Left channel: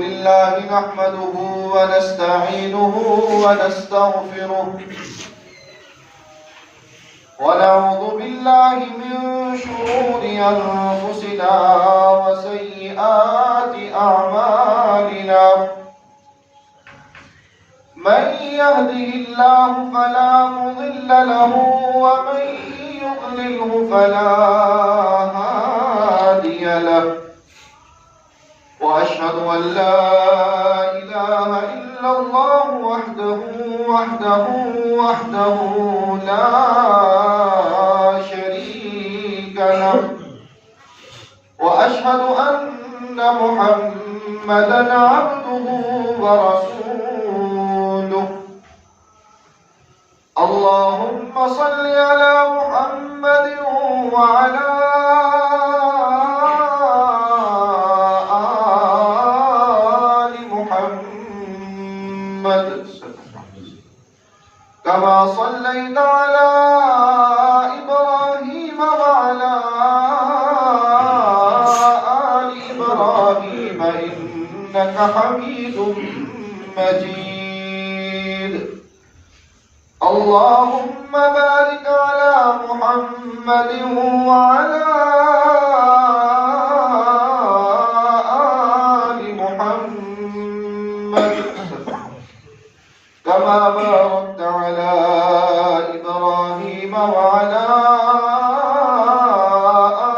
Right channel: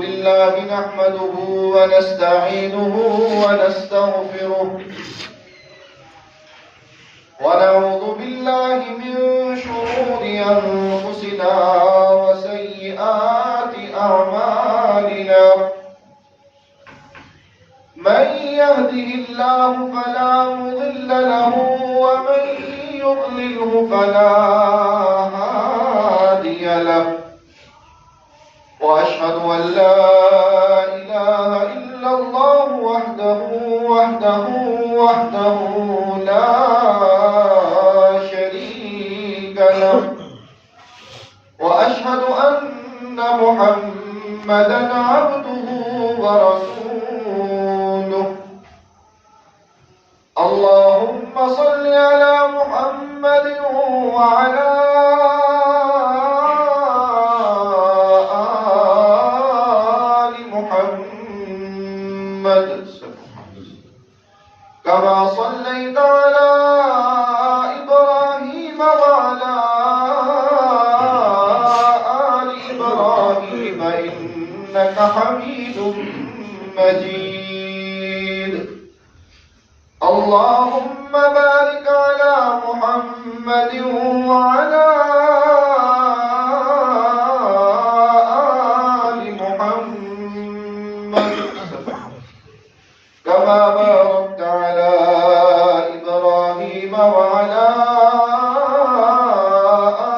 لله نحمده ونستعينه ونستغفره ونعوذ بالله من شرور أنفسنا وسيئات أعمالنا من يهده الله فلا مضل له ومن يضلله فلا هادي له وأشهد أن لا إله إلا الله وحده لا شريك له وأشهد أن محمدًا عبده ورسوله اللهم صل على محمد وعلى آل محمد كما صليت على إبراهيم وعلى آل إبراهيم إنك حميد مجيد اللهم بارك على محمد وعلى آل محمد كما باركت على إبراهيم وعلى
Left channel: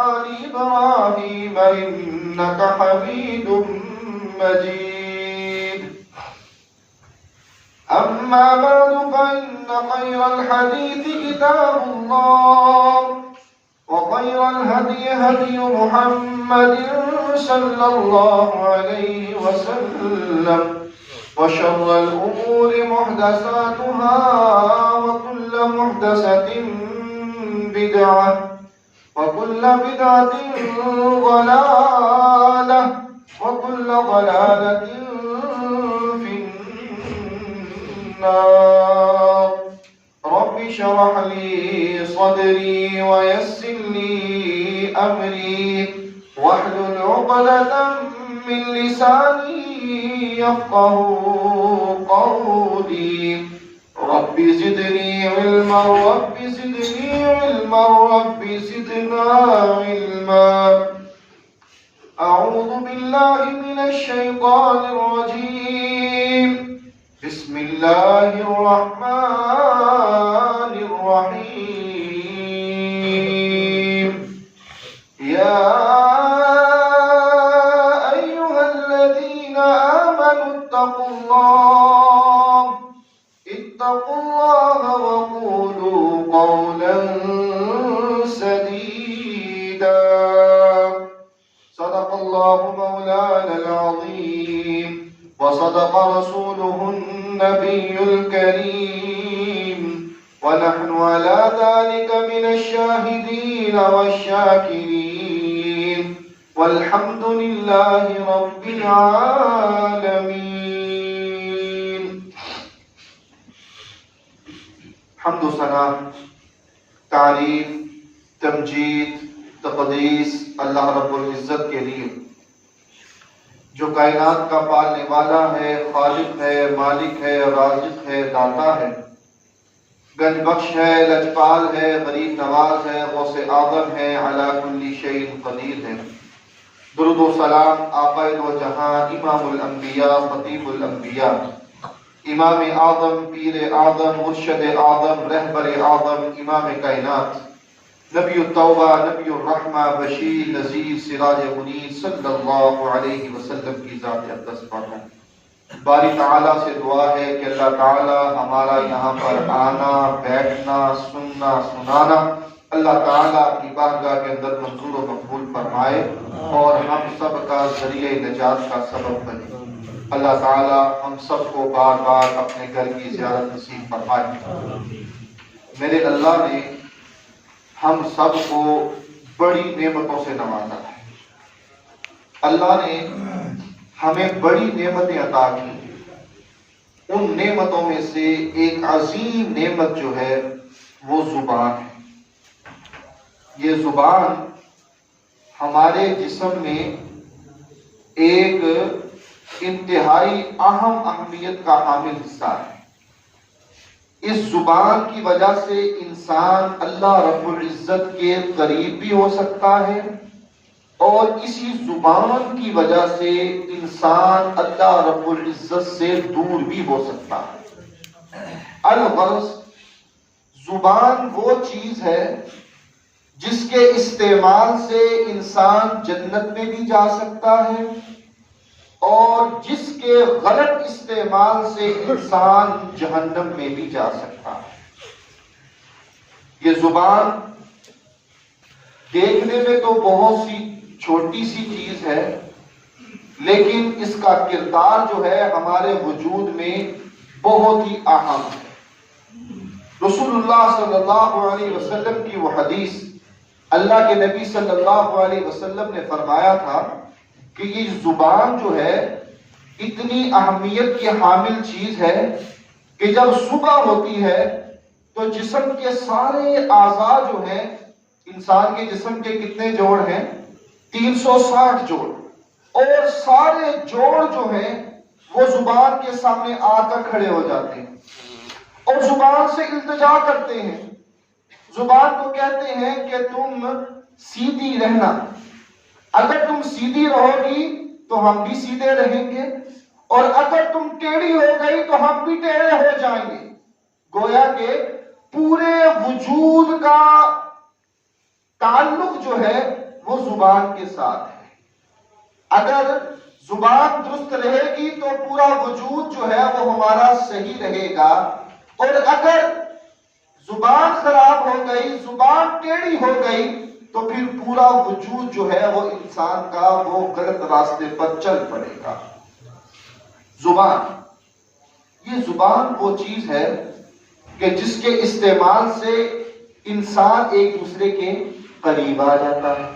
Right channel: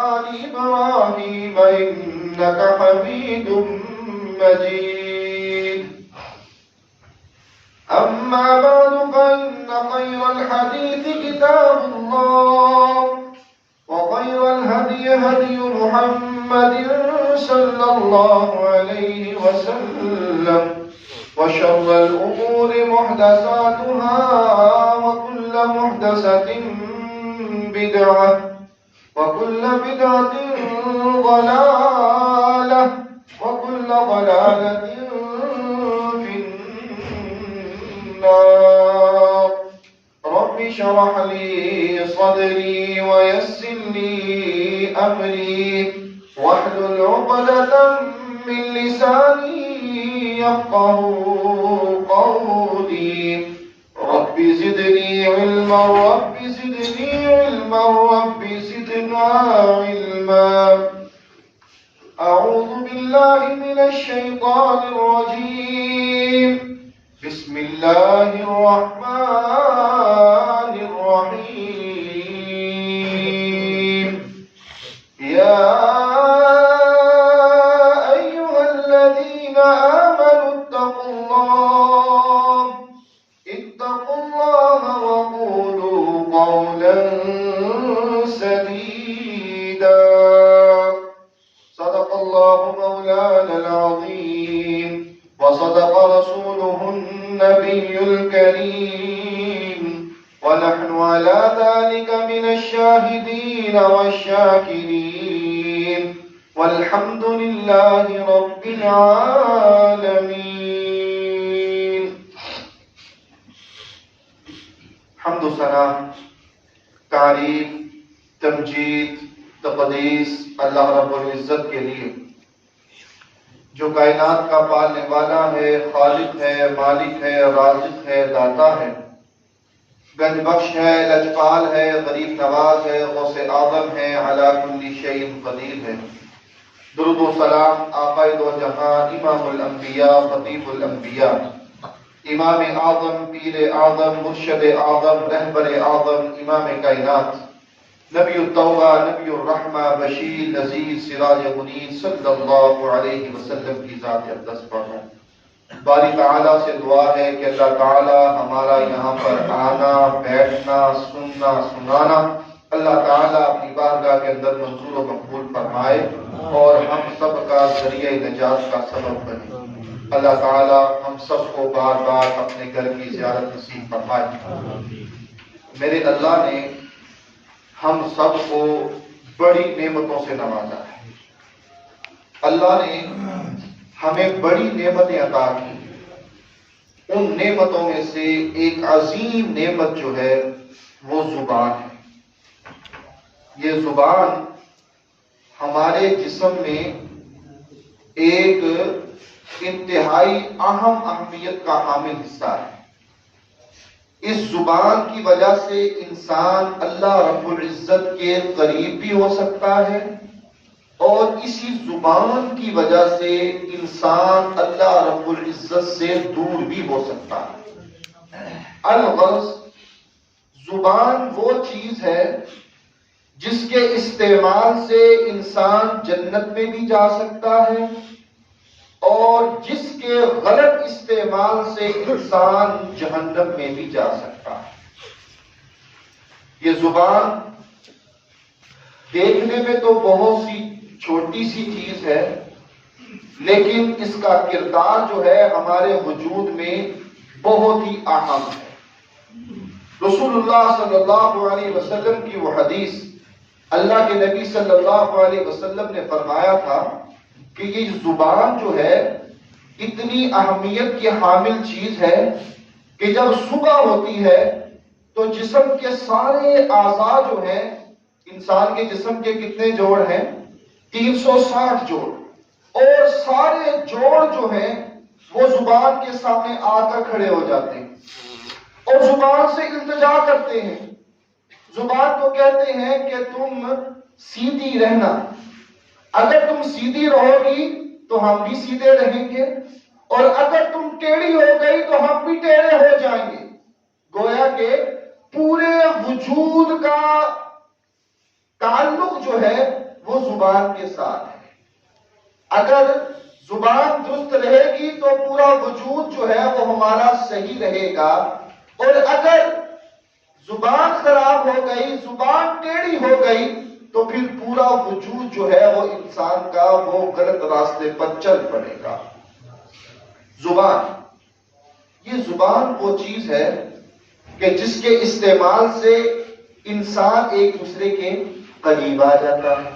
آل إبراهيم إنك حميد مجيد أما بعد فإن خير الحديث كتاب الله وخير الهدي هدي محمد صلى الله عليه وسلم وشر الأمور محدثاتها وكل محدثة بدعة وكل بدعة ضلالة وكل ضلالة في النار رب اشرح لي صدري ويسر لي أمري واحلل عقدة من لساني يفقه قولي رب زدني علما رب زدني علما رب زدنا علما أعوذ بالله من الشيطان الرجيم بسم الله الرحمن الرحيم يا أيها الذين آمنوا اتقوا الله وقولوا قولا سديدا صدق الله مولانا العظيم وصدق رسوله النبي الكريم ونحن على ذلك من الشاهدين والشاكرين والحمد لله رب العالمين حمد و ثنا تعریف تمجید تقدیس اللہ رب العزت کے لیے جو کائنات کا پالنے والا ہے خالق ہے مالک ہے رازق ہے داتا ہے گنج بخش ہے لجپال ہے غریب نواز ہے غوث اعظم ہے علی کل شیء قدیر ہے درود و سلام آقا دو جہاں امام الانبیاء خطیب الانبیاء امام اعظم پیر اعظم مرشد اعظم رہبر اعظم امام کائنات نبی التوبہ نبی الرحمہ بشیر نذیر سراج منیر صلی اللہ علیہ وسلم کی ذات اقدس پر ہوں باری تعالیٰ سے دعا ہے کہ اللہ تعالیٰ ہمارا یہاں پر آنا بیٹھنا سننا سنانا اللہ تعالیٰ اپنی بارگاہ کے اندر منظور و مقبول فرمائے اور ہم سب کا ذریعہ نجات کا سبب بنے اللہ تعالیٰ ہم سب کو بار بار اپنے گھر کی زیارت نصیب فرمائے میرے اللہ نے ہم سب کو بڑی نعمتوں سے نوازا ہے اللہ نے ہمیں بڑی نعمتیں عطا کی ان نعمتوں میں سے ایک عظیم نعمت جو ہے وہ زبان ہے یہ زبان ہمارے جسم میں ایک انتہائی اہمیت کا حامل حصہ ہے۔ اس زبان کی وجہ سے انسان اللہ رب العزت کے قریب بھی ہو سکتا ہے، اور اسی زبان کی وجہ سے انسان اللہ رب العزت سے دور بھی ہو سکتا ہے۔ الغرض، زبان وہ چیز ہے جس کے استعمال سے انسان جنت میں بھی جا سکتا ہے، اور جس کے غلط استعمال سے انسان جہنم میں بھی جا سکتا ہے۔ یہ زبان دیکھنے میں تو بہت سی چھوٹی سی چیز ہے، لیکن اس کا کردار جو ہے ہمارے وجود میں بہت ہی اہم ہے۔ رسول اللہ صلی اللہ علیہ وسلم کی وہ حدیث، اللہ کے نبی صلی اللہ علیہ وسلم نے فرمایا تھا کہ یہ زبان جو ہے اتنی اہمیت کی حامل چیز ہے کہ جب صبح ہوتی ہے تو جسم کے سارے اعضاء جو ہیں، انسان کے جسم کے کتنے جوڑ ہیں؟ 360 جوڑ، اور سارے جوڑ جو ہیں وہ زبان کے سامنے آ کر کھڑے ہو جاتے ہیں اور زبان سے التجا کرتے ہیں۔ زبان کو کہتے ہیں کہ تم سیدھی رہنا، اگر تم سیدھی رہو گی تو ہم بھی سیدھے رہیں گے، اور اگر تم ٹیڑھی ہو گئی تو ہم بھی ٹیڑھے ہو جائیں گے۔ گویا کہ پورے وجود کا تعلق جو ہے وہ زبان کے ساتھ ہے۔ اگر زبان درست رہے گی تو پورا وجود جو ہے وہ ہمارا صحیح رہے گا، اور اگر زبان خراب ہو گئی، زبان ٹیڑھی ہو گئی، تو پھر پورا وجود جو ہے وہ انسان کا وہ غلط راستے پر چل پڑے گا۔ یہ زبان وہ چیز ہے کہ جس کے استعمال سے انسان ایک دوسرے کے قریب آ جاتا ہے،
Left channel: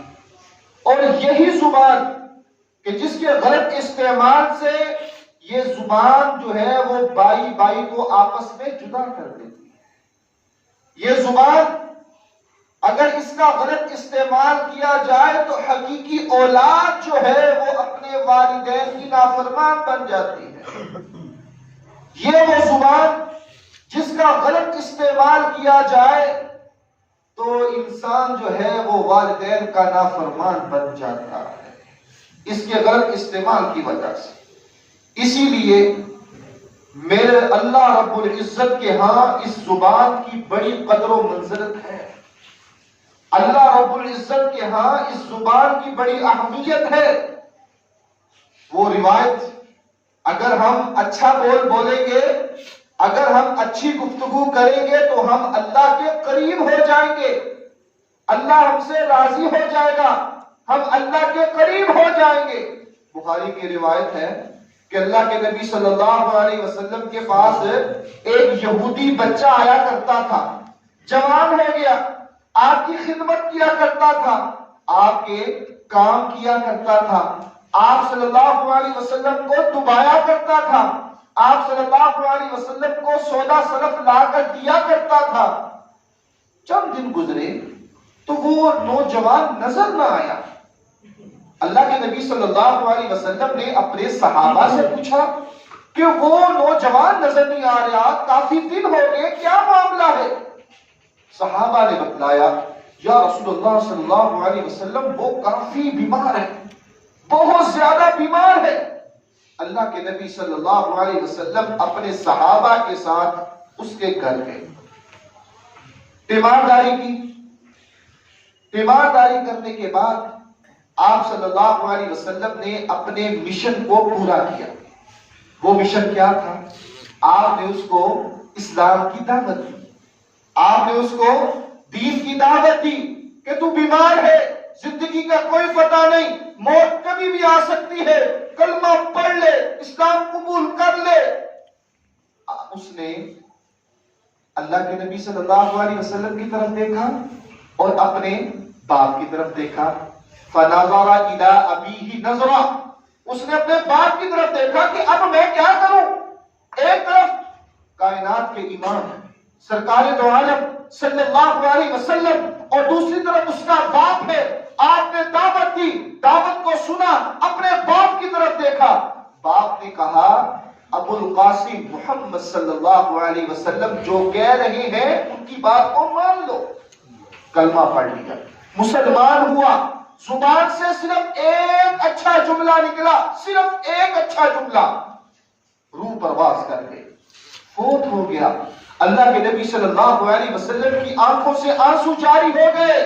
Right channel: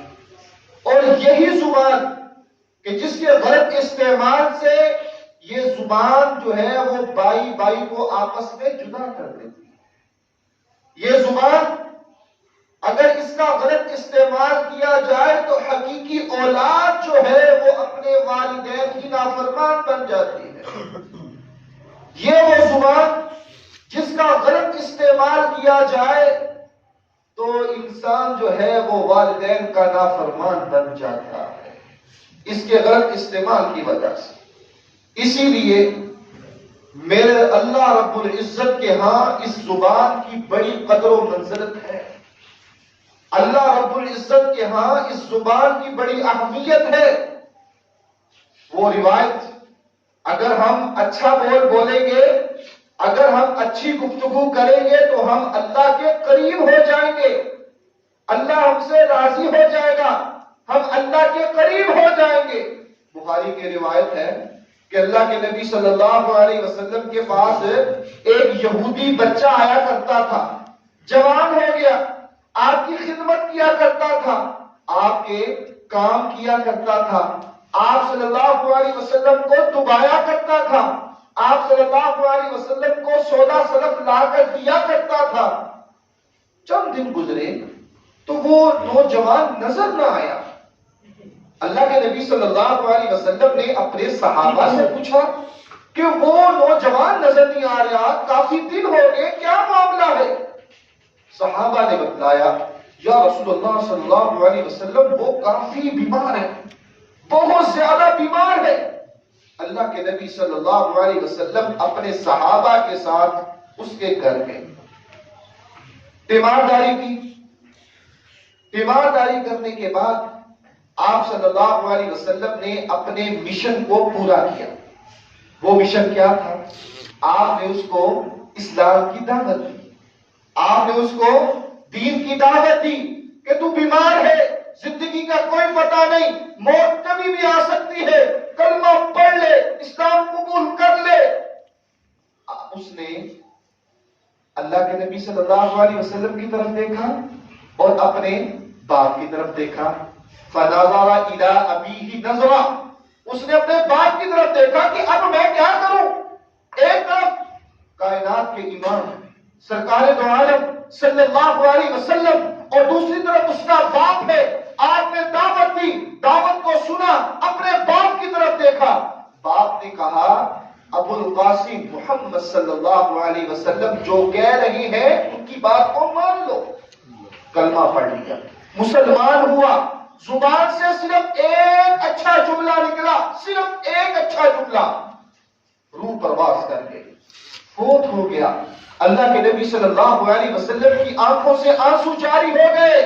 اور یہی زبان کہ جس کے غلط استعمال سے یہ زبان جو ہے وہ بائی بائی کو آپس میں جدا کر دیتی ہے۔ یہ زبان اگر اس کا غلط استعمال کیا جائے تو حقیقی اولاد جو ہے وہ اپنے والدین کی نافرمان بن جاتی ہے۔ یہ وہ زبان جس کا غلط استعمال کیا جائے تو انسان جو ہے وہ والدین کا نافرمان بن جاتا ہے، اس کے غلط استعمال کی وجہ سے۔ اسی لیے میرے اللہ رب العزت کے ہاں اس زبان کی بڑی قدر و منزلت ہے۔ اللہ رب العزت کے ہاں اس زبان کی بڑی اہمیت ہے۔ وہ روایت، اگر ہم اچھا بولیں گے، اگر ہم اچھی گفتگو کریں گے تو ہم اللہ کے قریب ہو جائیں گے، اللہ ہم سے راضی ہو جائے گا، ہم اللہ کے قریب ہو جائیں گے۔ بخاری کی روایت ہے کہ اللہ کے نبی صلی اللہ علیہ وسلم کے پاس ایک یہودی بچہ آیا کرتا تھا، جوان ہو گیا، آپ کی خدمت کیا کرتا تھا، آپ کے کام کیا کرتا تھا، آپ صلی اللہ علیہ وسلم کو دبایا کرتا تھا، آپ صلی اللہ علیہ وسلم کو سودا سلف لا کر دیا کرتا تھا۔ چند دن گزرے تو وہ نوجوان نظر نہ آیا۔ اللہ کے نبی صلی اللہ علیہ وسلم نے اپنے صحابہ سے پوچھا کہ وہ نوجوان نظر نہیں آ رہا، کافی دن ہو گئے، کیا معاملہ ہے؟ صحابہ نے بتلایا، یا رسول اللہ صلی اللہ علیہ وسلم وہ کافی بیمار ہے، بہت زیادہ بیمار ہے۔ اللہ کے نبی صلی اللہ علیہ وسلم اپنے صحابہ کے ساتھ اس کے گھر گئے، تیمارداری کی۔ تیمارداری کرنے کے بعد آپ صلی اللہ علیہ وسلم نے اپنے مشن کو پورا کیا۔ وہ مشن کیا تھا؟ آپ نے اس کو اسلام کی دعوت دی، آپ نے اس کو دین کی دعوت دی کہ تو بیمار ہے، زندگی کا کوئی پتہ نہیں، موت کبھی بھی آ سکتی ہے، کلمہ پڑھ لے، اسلام قبول کر لے۔ اس نے اللہ کے نبی صلی اللہ علیہ وسلم کی طرف دیکھا اور اپنے باپ کی طرف دیکھا۔ فَنَظَرَ إِلَىٰ أَبِيهِ نَظْرًا، اس نے اپنے باپ کی طرف دیکھا کہ اب میں کیا کروں۔ ایک طرف کائنات کے امام سرکار دو عالم صلی اللہ علیہ وسلم، اور دوسری طرف اس کا باپ ہے۔ آپ نے دعوت دی، دعوت کو سنا، اپنے باپ کی طرف دیکھا۔ باپ نے کہا ابو القاسم محمد صلی اللہ علیہ وسلم جو کہہ رہے ہیں ان کی بات کو مان لو. کلمہ پڑھ لیا, مسلمان ہوا, زبان سے صرف ایک اچھا جملہ نکلا, صرف ایک اچھا جملہ, روح پرواز کر گئے, فوت ہو گیا. اللہ کے نبی صلی اللہ علیہ وسلم کی آنکھوں سے آنسو جاری ہو گئے,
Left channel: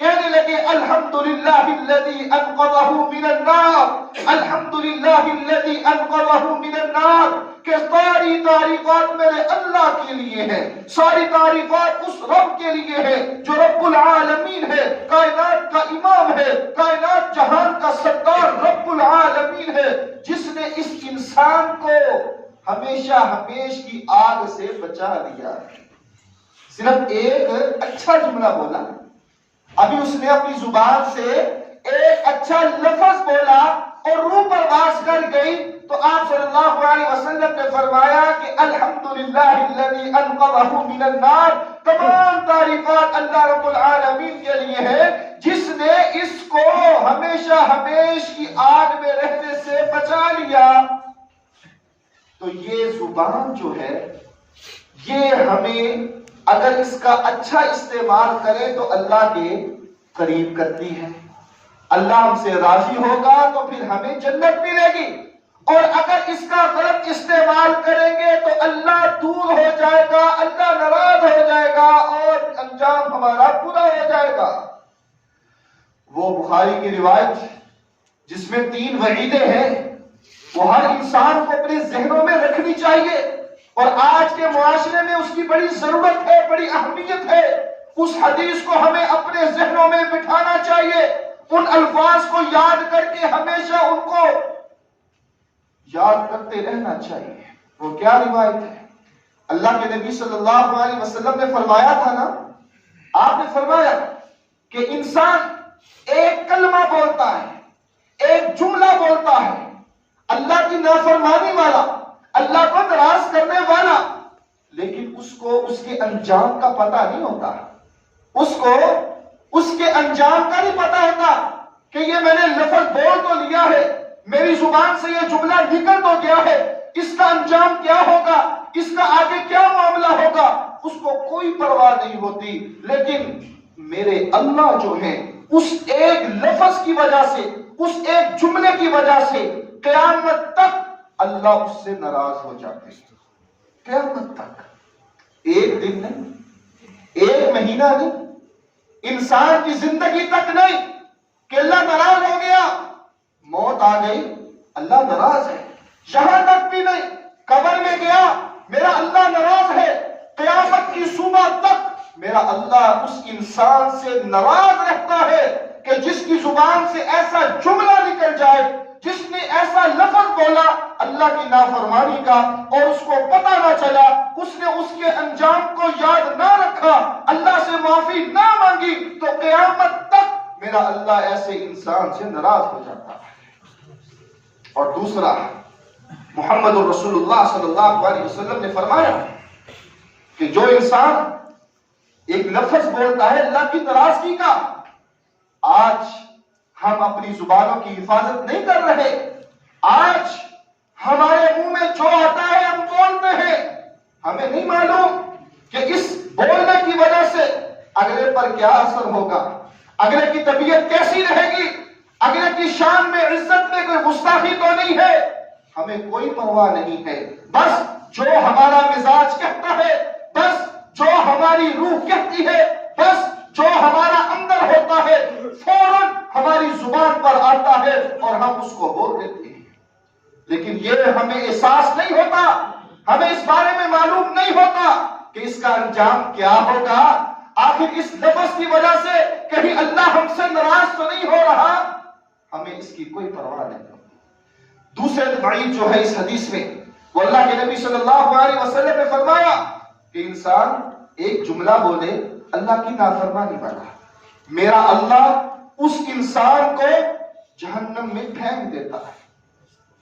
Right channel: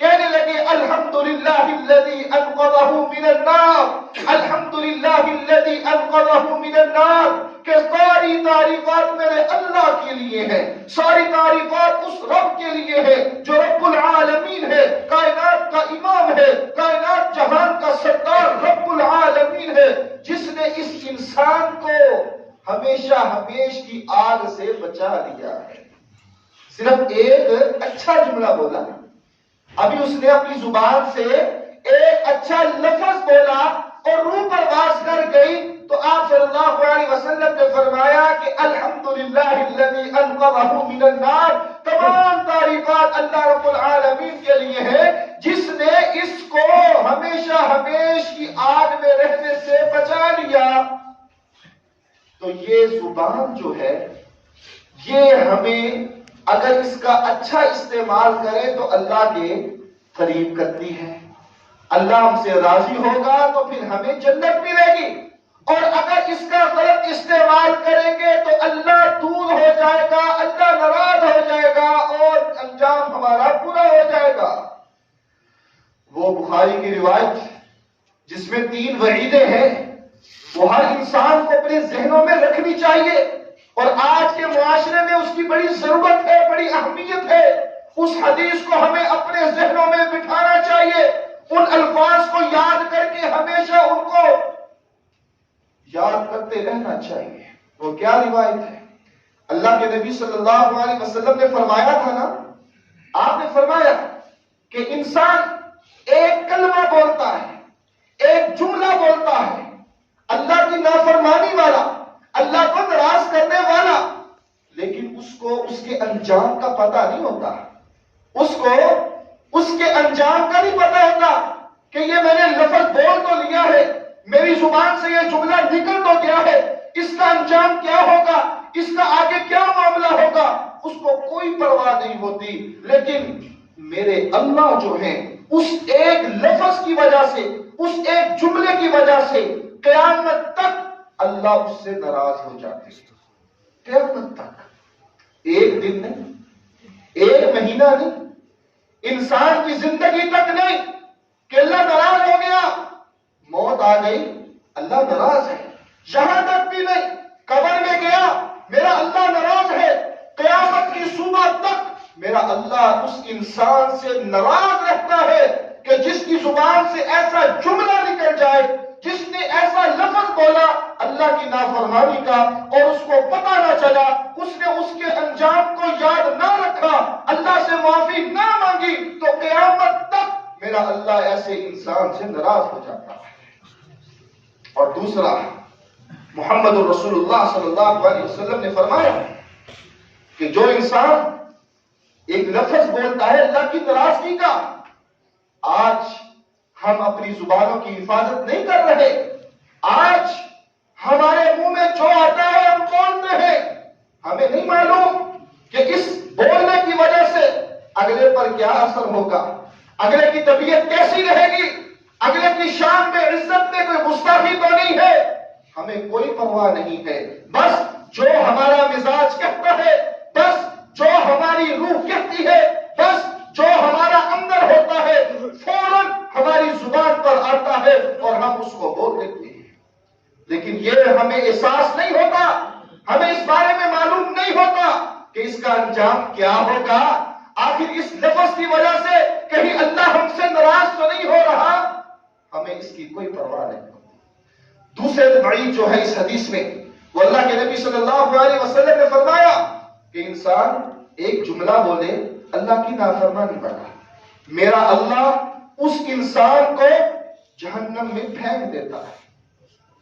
کہنے لگے الحمدللہ الذی انقذہ من النار, الحمدللہ الذی انقذہ من النار, کہ ساری تعریفات میرے اللہ کے لیے ہیں, ساری تعریفات اس رب کے لیے ہے جو رب العالمین ہے, کائنات کا امام ہے, کائنات جہان کا سردار رب العالمین ہے, جس نے اس انسان کو ہمیشہ ہمیش کی آگ سے بچا لیا ہے. صرف ایک اچھا جملہ بولا, ابھی اس نے اپنی زبان سے ایک اچھا لفظ بولا اور روح پرواز کر گئی, تو آپ صلی اللہ علیہ وسلم نے فرمایا کہ الحمدللہ الذی انقذہ من النار, تمام تعریفات اللہ رب العالمین کے لیے ہے جس نے اس کو ہمیشہ ہمیش کی آگ میں رہنے سے بچا لیا. تو یہ زبان جو ہے یہ ہمیں اگر اس کا اچھا استعمال کرے تو اللہ کے قریب کرتی ہے, اللہ ہم سے راضی ہوگا تو پھر ہمیں جنت ملے گی, اور اگر اس کا غلط استعمال کریں گے تو اللہ دور ہو جائے گا, اللہ ناراض ہو جائے گا اور انجام ہمارا برا ہو جائے گا. وہ بخاری کی روایت جس میں 3 وعیدیں ہیں وہ ہر انسان کو اپنے ذہنوں میں رکھنی چاہیے, اور آج کے معاشرے میں اس کی بڑی ضرورت ہے, بڑی اہمیت ہے. اس حدیث کو ہمیں اپنے ذہنوں میں بٹھانا چاہیے, ان الفاظ کو یاد کر کے ہمیشہ ان کو یاد کرتے رہنا چاہیے. وہ کیا روایت ہے؟ اللہ کے نبی صلی اللہ علیہ وسلم نے فرمایا تھا نا, آپ نے فرمایا کہ انسان ایک کلمہ بولتا ہے, ایک جملہ بولتا ہے, اللہ کی نافرمانی والا, اللہ کو ناراض کرنے والا, لیکن اس کو اس کے انجام کا پتہ نہیں ہوتا, اس کو اس کے انجام کا نہیں پتہ ہوتا کہ یہ میں نے لفظ بول تو لیا ہے, میری زبان سے یہ جملہ نکل تو گیا ہے, اس کا انجام کیا ہوگا, اس کا آگے کیا معاملہ ہوگا, اس کو کوئی پرواہ نہیں ہوتی. لیکن میرے اللہ جو ہیں اس ایک لفظ کی وجہ سے, اس ایک جملے کی وجہ سے قیامت تک اللہ اس سے ناراض ہو جاتے ہیں. قیامت تک, ایک دن نہیں, ایک مہینہ نہیں, انسان کی زندگی تک نہیں کہ اللہ ناراض ہو گیا, موت آ گئی اللہ ناراض ہے, یہاں تک بھی نہیں, قبر میں گیا میرا اللہ ناراض ہے, قیامت کی صبح تک میرا اللہ اس انسان سے ناراض رہتا ہے کہ جس کی زبان سے ایسا جملہ نکل جائے, جس نے ایسا لفظ بولا اللہ کی نافرمانی کا اور اس کو پتہ نہ چلا, اس نے اس کے انجام کو یاد نہ رکھا, اللہ سے معافی نہ مانگی, تو قیامت تک میرا اللہ ایسے انسان سے ناراض ہو جاتا ہے. اور دوسرا, محمد رسول اللہ صلی اللہ علیہ وسلم نے فرمایا کہ جو انسان ایک لفظ بولتا ہے اللہ کی ناراضگی کا, آج ہم اپنی زبانوں کی حفاظت نہیں کر رہے, آج ہمارے منہ میں جو آتا ہے ہم بولتے ہیں, ہمیں نہیں معلوم کہ اس بولنے کی وجہ سے اگلے پر کیا اثر ہوگا, اگلے کی طبیعت کیسی رہے گی, اگلے کی شان میں عزت میں کوئی گستاخی تو نہیں ہے, ہمیں کوئی پرواہ نہیں ہے. بس جو ہمارا مزاج کہتا ہے, بس جو ہماری روح کہتی ہے, بس جو ہمارا اندر ہوتا ہے فوراً ہماری زبان پر آتا ہے اور ہم اس کو بول دیتے ہیں. لیکن یہ ہمیں احساس نہیں ہوتا, ہمیں اس بارے میں معلوم نہیں ہوتا کہ اس کا انجام کیا ہوگا. آخر اس لفظ کی وجہ سے کہیں اللہ ہم سے ناراض تو نہیں ہو رہا, ہمیں اس کی کوئی پرواہ نہیں ہوتی. دوسرے وعید جو ہے اس حدیث میں, وہ اللہ کے نبی صلی اللہ علیہ وسلم نے فرمایا کہ انسان ایک جملہ بولے اللہ کی نافرمانی والا, میرا اللہ اس انسان کو جہنم میں پھینک دیتا ہے,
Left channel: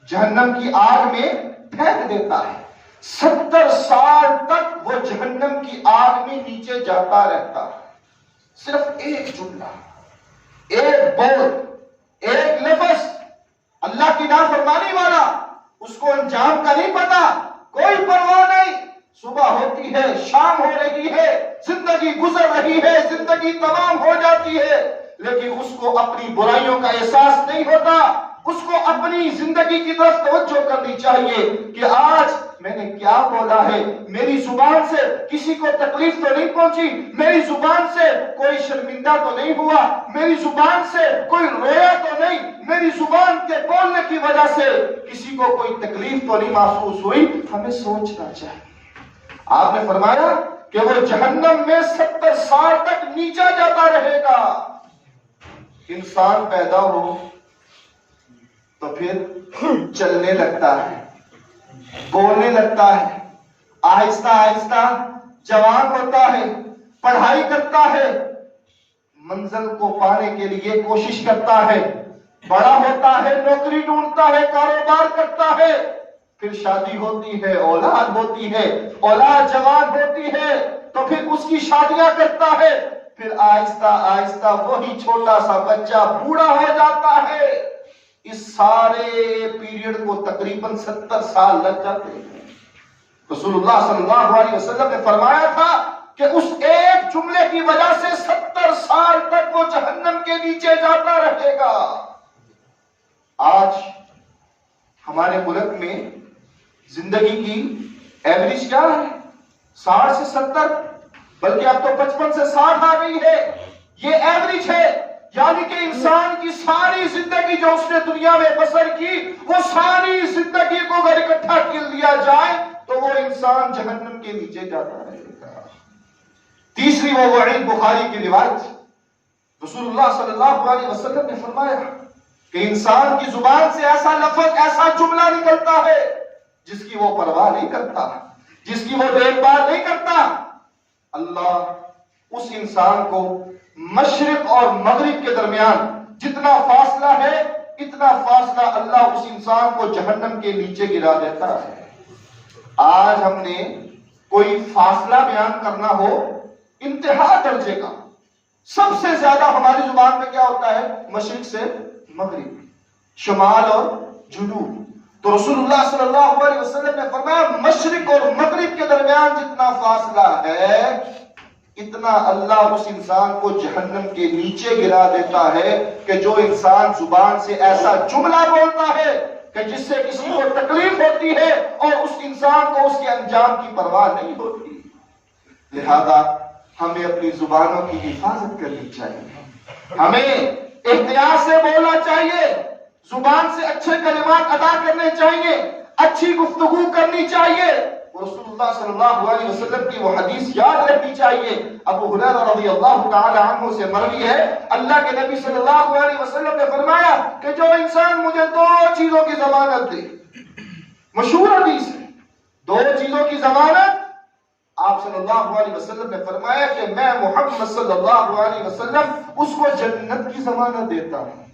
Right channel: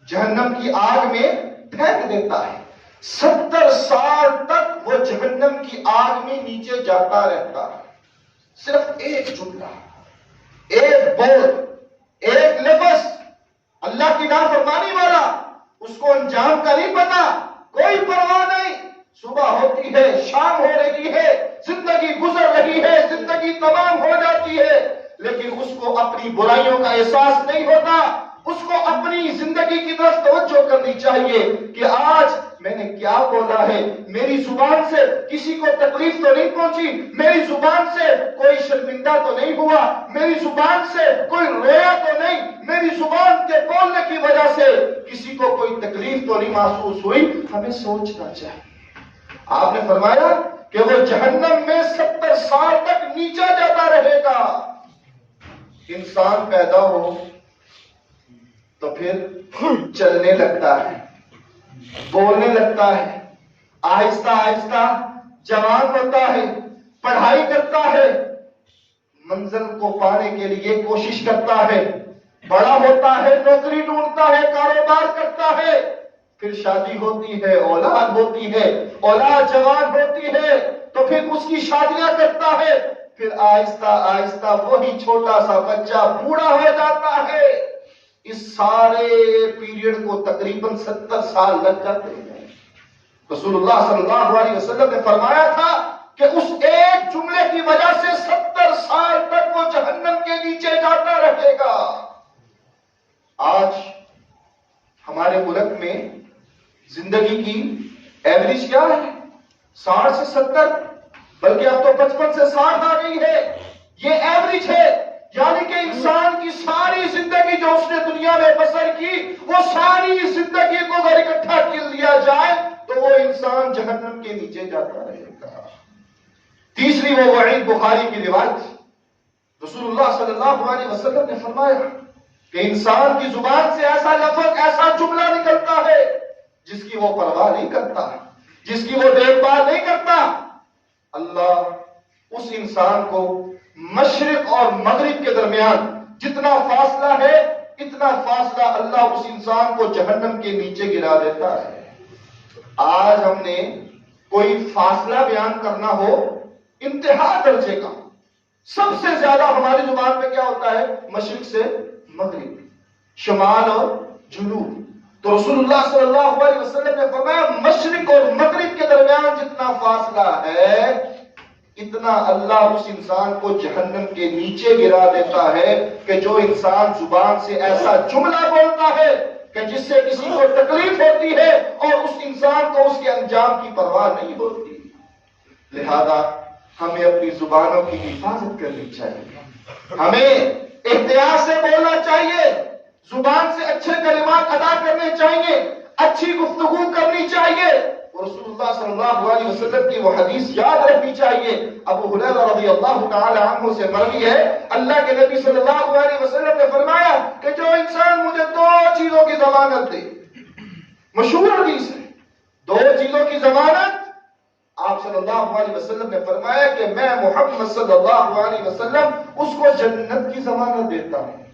جہنم کی آگ میں پھینک دیتا ہے. 70 سال تک وہ جہنم کی آگ میں نیچے جاتا رہتا ہے. صرف ایک جملہ, ایک بول, ایک لفظ اللہ کی نافرمانی والا, اس کو انجام کا نہیں پتا، کوئی پرواہ نہیں، صبح ہوتی ہے، شام ہو رہی ہے، زندگی گزر رہی ہے، زندگی تمام ہو جاتی ہے، لیکن اس کو اپنی برائیوں کا احساس نہیں ہوتا۔ اس کو اپنی زندگی کی طرف توجہ کرنی چاہیے کہ آج میں نے کیا بولا ہے، میری زبان سے کسی کو تکلیف تو نہیں پہنچی، میری زبان سے کوئی شرمندہ تو نہیں ہوا، میری زبان سے کوئی رویا تو نہیں، میری زبان کے بولنے کی وجہ سے کسی کو کوئی تکلیف تو نہیں محسوس ہوئی۔ ہمیں سوچنا چاہیے۔ آپ نے فرمایا کہ وہ جہنم میں 70 سال تک نیچا جاتا رہے گا۔ انسان پیدا ہو تو پھر چلنے لگتا ہے، بولنے لگتا ہے، آہستہ آہستہ جوان ہوتا ہے، پڑھائی کرتا ہے، منزل کو پانے کے لیے کوشش کرتا ہے، بڑا ہوتا ہے، نوکری ڈھونڈتا ہے، کاروبار کرتا ہے، پھر شادی ہوتی ہے، اولاد ہوتی ہے، اولاد جوان ہوتی ہے تو پھر اس کی شادیاں کرتا ہے، پھر آہستہ آہستہ وہی چھوٹا سا بچہ بوڑھا ہو جاتا ہے۔ اس سارے پیریڈ کو تقریباً 70 سال لگ جاتے ہیں۔ رسول اللہ صلی اللہ علیہ وسلم نے فرمایا تھا کہ اس ایک جملے کی وجہ سے 70 سال تک وہ جہنم کے نیچے جاتا رہے گا۔ آج ہمارے ملک میں زندگی کی ایوریج کیا ہے؟ 60 سے 70، بلکہ اب تو 55 سے 60 آ گئی ہے۔ یہ ایوریج ہے، یعنی کہ انسان کی ساری زندگی جو اس نے دنیا میں بسر کی، وہ ساری زندگی کو اگر اکٹھا کر لیا جائے تو وہ انسان جہنم کے نیچے جاتا رہے گا۔ تیسری وہ وعید بخاری کی روایت، رسول اللہ صلی اللہ علیہ وسلم نے فرمایا کہ انسان کی زبان سے ایسا لفظ، ایسا جملہ نکلتا ہے جس کی وہ پرواہ نہیں کرتا، جس کی وہ دیکھ بھال نہیں کرتا، اللہ اس انسان کو مشرق اور مغرب کے درمیان جتنا فاصلہ ہے، اتنا فاصلہ اللہ اس انسان کو جہنم کے نیچے گرا دیتا ہے۔ آج ہم نے کوئی فاصلہ بیان کرنا ہو انتہا درجے کا، سب سے زیادہ ہماری زبان میں کیا ہوتا ہے؟ مشرق سے مغرب، شمال اور جنوب۔ تو رسول اللہ صلی اللہ علیہ وسلم نے فرمایا مشرق اور مغرب کے درمیان جتنا فاصلہ ہے، اتنا اللہ اس انسان کو جہنم کے نیچے گرا دیتا ہے کہ جو انسان زبان سے ایسا جملہ بولتا ہے کہ جس سے کسی کو تکلیف ہوتی ہے اور اس انسان کو اس کے انجام کی پرواہ نہیں ہوتی۔ لہذا ہمیں اپنی زبانوں کی حفاظت کرنی چاہیے، ہمیں احتیاط سے بولنا چاہیے، زبان سے اچھے کلمات ادا کرنے چاہیے، اچھی گفتگو کرنی چاہیے۔ رسول اللہ صلی اللہ علیہ وسلم کی وہ حدیث یاد رکھنی چاہیے، ابو ہریرہ رضی اللہ تعالی عنہ سے مروی ہے، اللہ کے نبی صلی اللہ علیہ وسلم نے فرمایا کہ جو انسان مجھے 2 چیزوں کی ضمانت دے، مشہور حدیث ہے، 2 چیزوں کی ضمانت، آپ صلی اللہ علیہ وسلم نے فرمایا کہ میں محمد صلی اللہ علیہ وسلم اس کو جنت کی ضمانت دیتا ہوں۔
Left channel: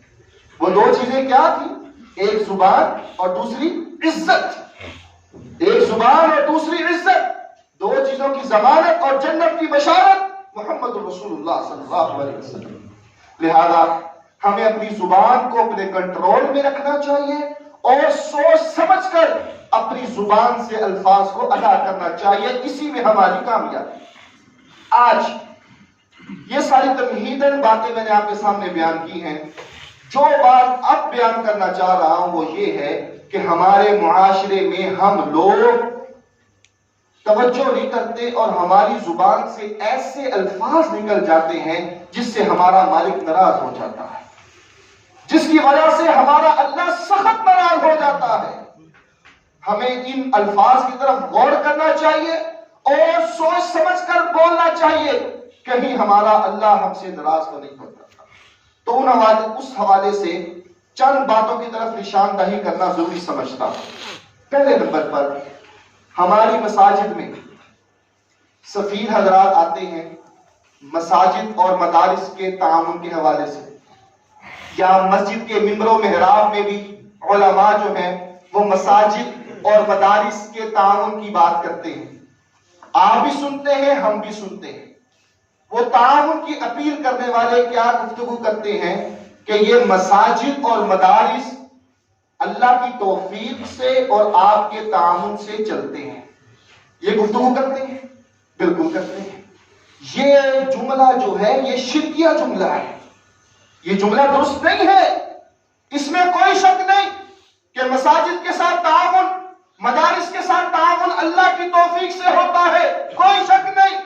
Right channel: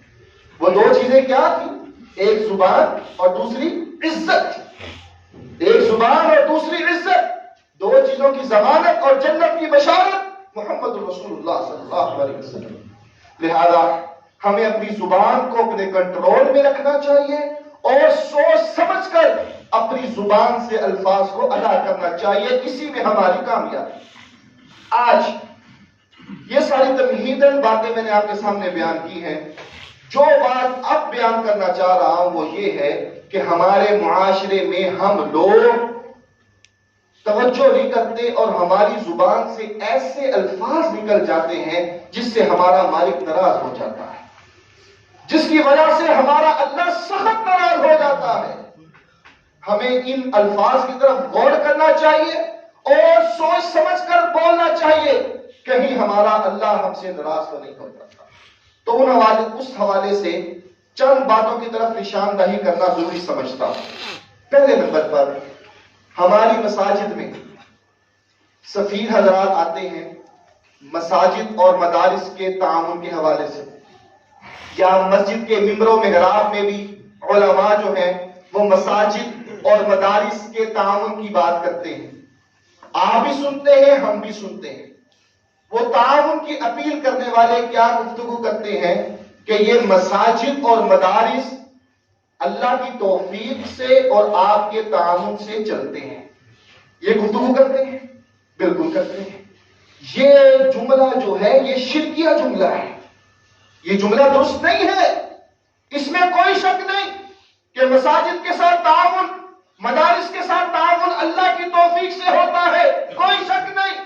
وہ 2 چیزیں کیا تھی؟ ایک زبان اور دوسری عزت، ایک زبان اور دوسری عزت، 2 چیزوں کی ضمانت اور جنت کی بشارت محمد رسول اللہ صلی اللہ علیہ وسلم۔ لہذا ہمیں اپنی زبان کو اپنے کنٹرول میں رکھنا چاہیے اور سوچ سمجھ کر اپنی زبان سے الفاظ کو ادا کرنا چاہیے، اسی میں ہماری کامیابی۔ آج یہ ساری تمہیداً باتیں میں نے آپ کے سامنے بیان کی ہیں، جو بات اب بیان کرنا چاہ رہا ہوں وہ یہ ہے کہ ہمارے معاشرے میں ہم لوگ توجہ نہیں کرتے اور ہماری زبان سے ایسے الفاظ نکل جاتے ہیں جس سے ہمارا مالک ناراض ہو جاتا ہے، جس کی وجہ سے ہمارا اللہ سخت ناراض ہو جاتا ہے۔ ہمیں ان الفاظ کی طرف غور کرنا چاہیے اور سوچ سمجھ کر بولنا چاہیے، کہیں ہمارا اللہ ہم سے ناراض تو نہیں ہوتا۔ تو اس حوالے سے چند باتوں کی طرف نشاندہی کرنا ضروری سمجھتا ہوں۔ پہلے نمبر پر ہماری مساجد میں سفیر حضرات آتے ہیں مساجد اور مدارس کے تعاون کے حوالے سے، یا مسجد کے ممبروں محراب میں بھی علماء جو ہیں وہ مساجد اور مدارس کے تعاون کی بات کرتے ہیں۔ آپ بھی سنتے ہیں، ہم بھی سنتے ہیں۔ وہ تعاون کی اپیل کرنے والے کیا گفتگو کرتے ہیں کہ یہ مساجد اور مدارس اللہ کی توفیق سے اور آپ کے تعاون سے چلتے ہیں. یہ گفتگو کرتے ہیں؟ بالکل کرتے ہیں. یہ جملہ جو ہے یہ شرکیہ جملہ ہے. یہ جملہ درست نہیں ہے. اس میں کوئی شک نہیں کہ مساجد کے ساتھ تعاون، مدارس کے ساتھ تعاون اللہ کی توفیق سے ہوتا ہے، کوئی شک نہیں.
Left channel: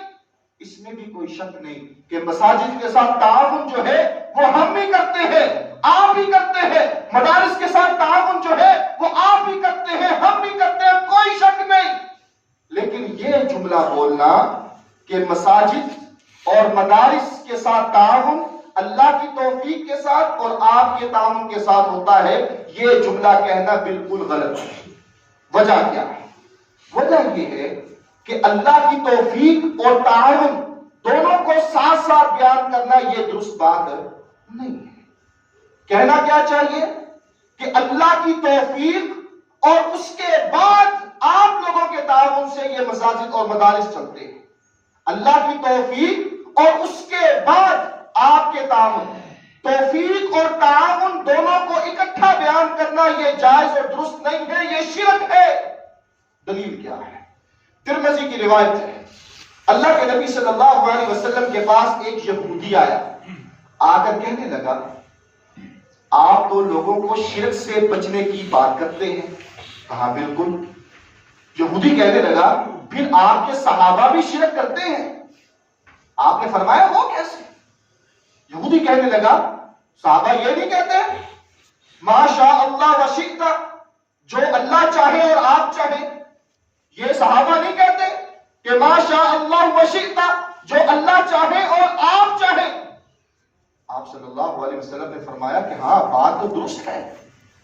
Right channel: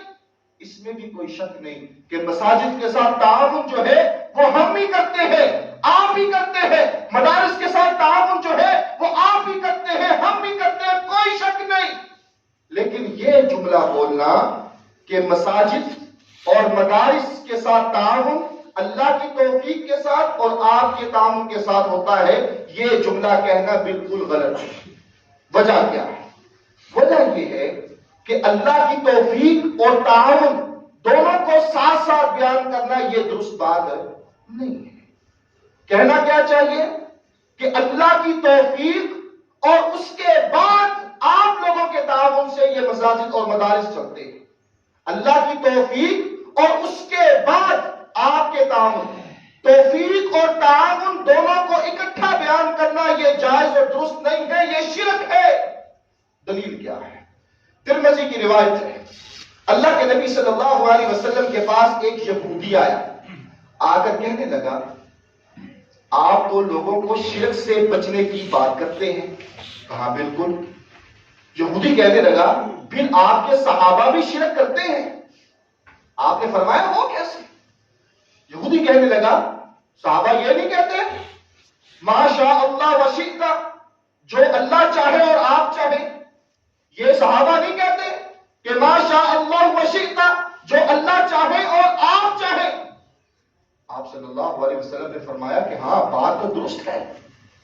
اس میں بھی کوئی شک نہیں کہ مساجد کے ساتھ تعاون جو ہے وہ ہم بھی کرتے ہیں، آپ بھی کرتے ہیں. مدارس کے ساتھ تعاون جو ہے وہ آپ بھی کرتے ہیں، ہم بھی کرتے ہیں، کوئی شک نہیں. لیکن یہ جملہ بولنا کہ مساجد اور مدارس کے ساتھ تعاون اللہ کی توفیق کے ساتھ اور آپ کے تعاون کے ساتھ ہوتا ہے، یہ جملہ کہنا بالکل غلط ہے. وجہ کیا ہے؟ وجہ یہ ہے کہ اللہ کی توفیق اور تعاون دونوں کو ساتھ ساتھ بیان کرنا یہ درست بات نہیں ہے. کہنا کیا چاہیے کہ اللہ کی توفیق اور اس کے بعد آپ لوگوں کے تعاون سے یہ مساجد اور مدارس چلتے ہیں. اللہ کی توفیق اور اس کے بعد آپ کے تعاون. توفیق اور تعاون دونوں کو اکٹھا بیان کرنا یہ جائز اور درست نہیں ہے، یہ شرک ہے. دلیل کیا ہے؟ ترمذی کی روایت ہے، اللہ کے نبی صلی اللہ علیہ وسلم کے پاس ایک یہودی آیا، آ کر کہنے لگا آپ تو لوگوں کو شرک سے بچنے کی بات کرتے ہیں. کہا بالکل. یہودی کہنے لگا پھر آپ کے صحابہ بھی شرک کرتے ہیں؟ آپ نے فرمایا وہ کیسے؟ یہودی کہنے لگا صحابہ یہ نہیں کہتے ما شاء اللہ و شئت، جو اللہ چاہے اور آپ چاہیں؟ یہ صحابہ نہیں کہتے کہ ما شاء اللہ و شئت، جو اللہ چاہے اور آپ چاہیں؟ آپ صلی اللہ علیہ وسلم نے فرمایا کہ ہاں بات تو درست ہے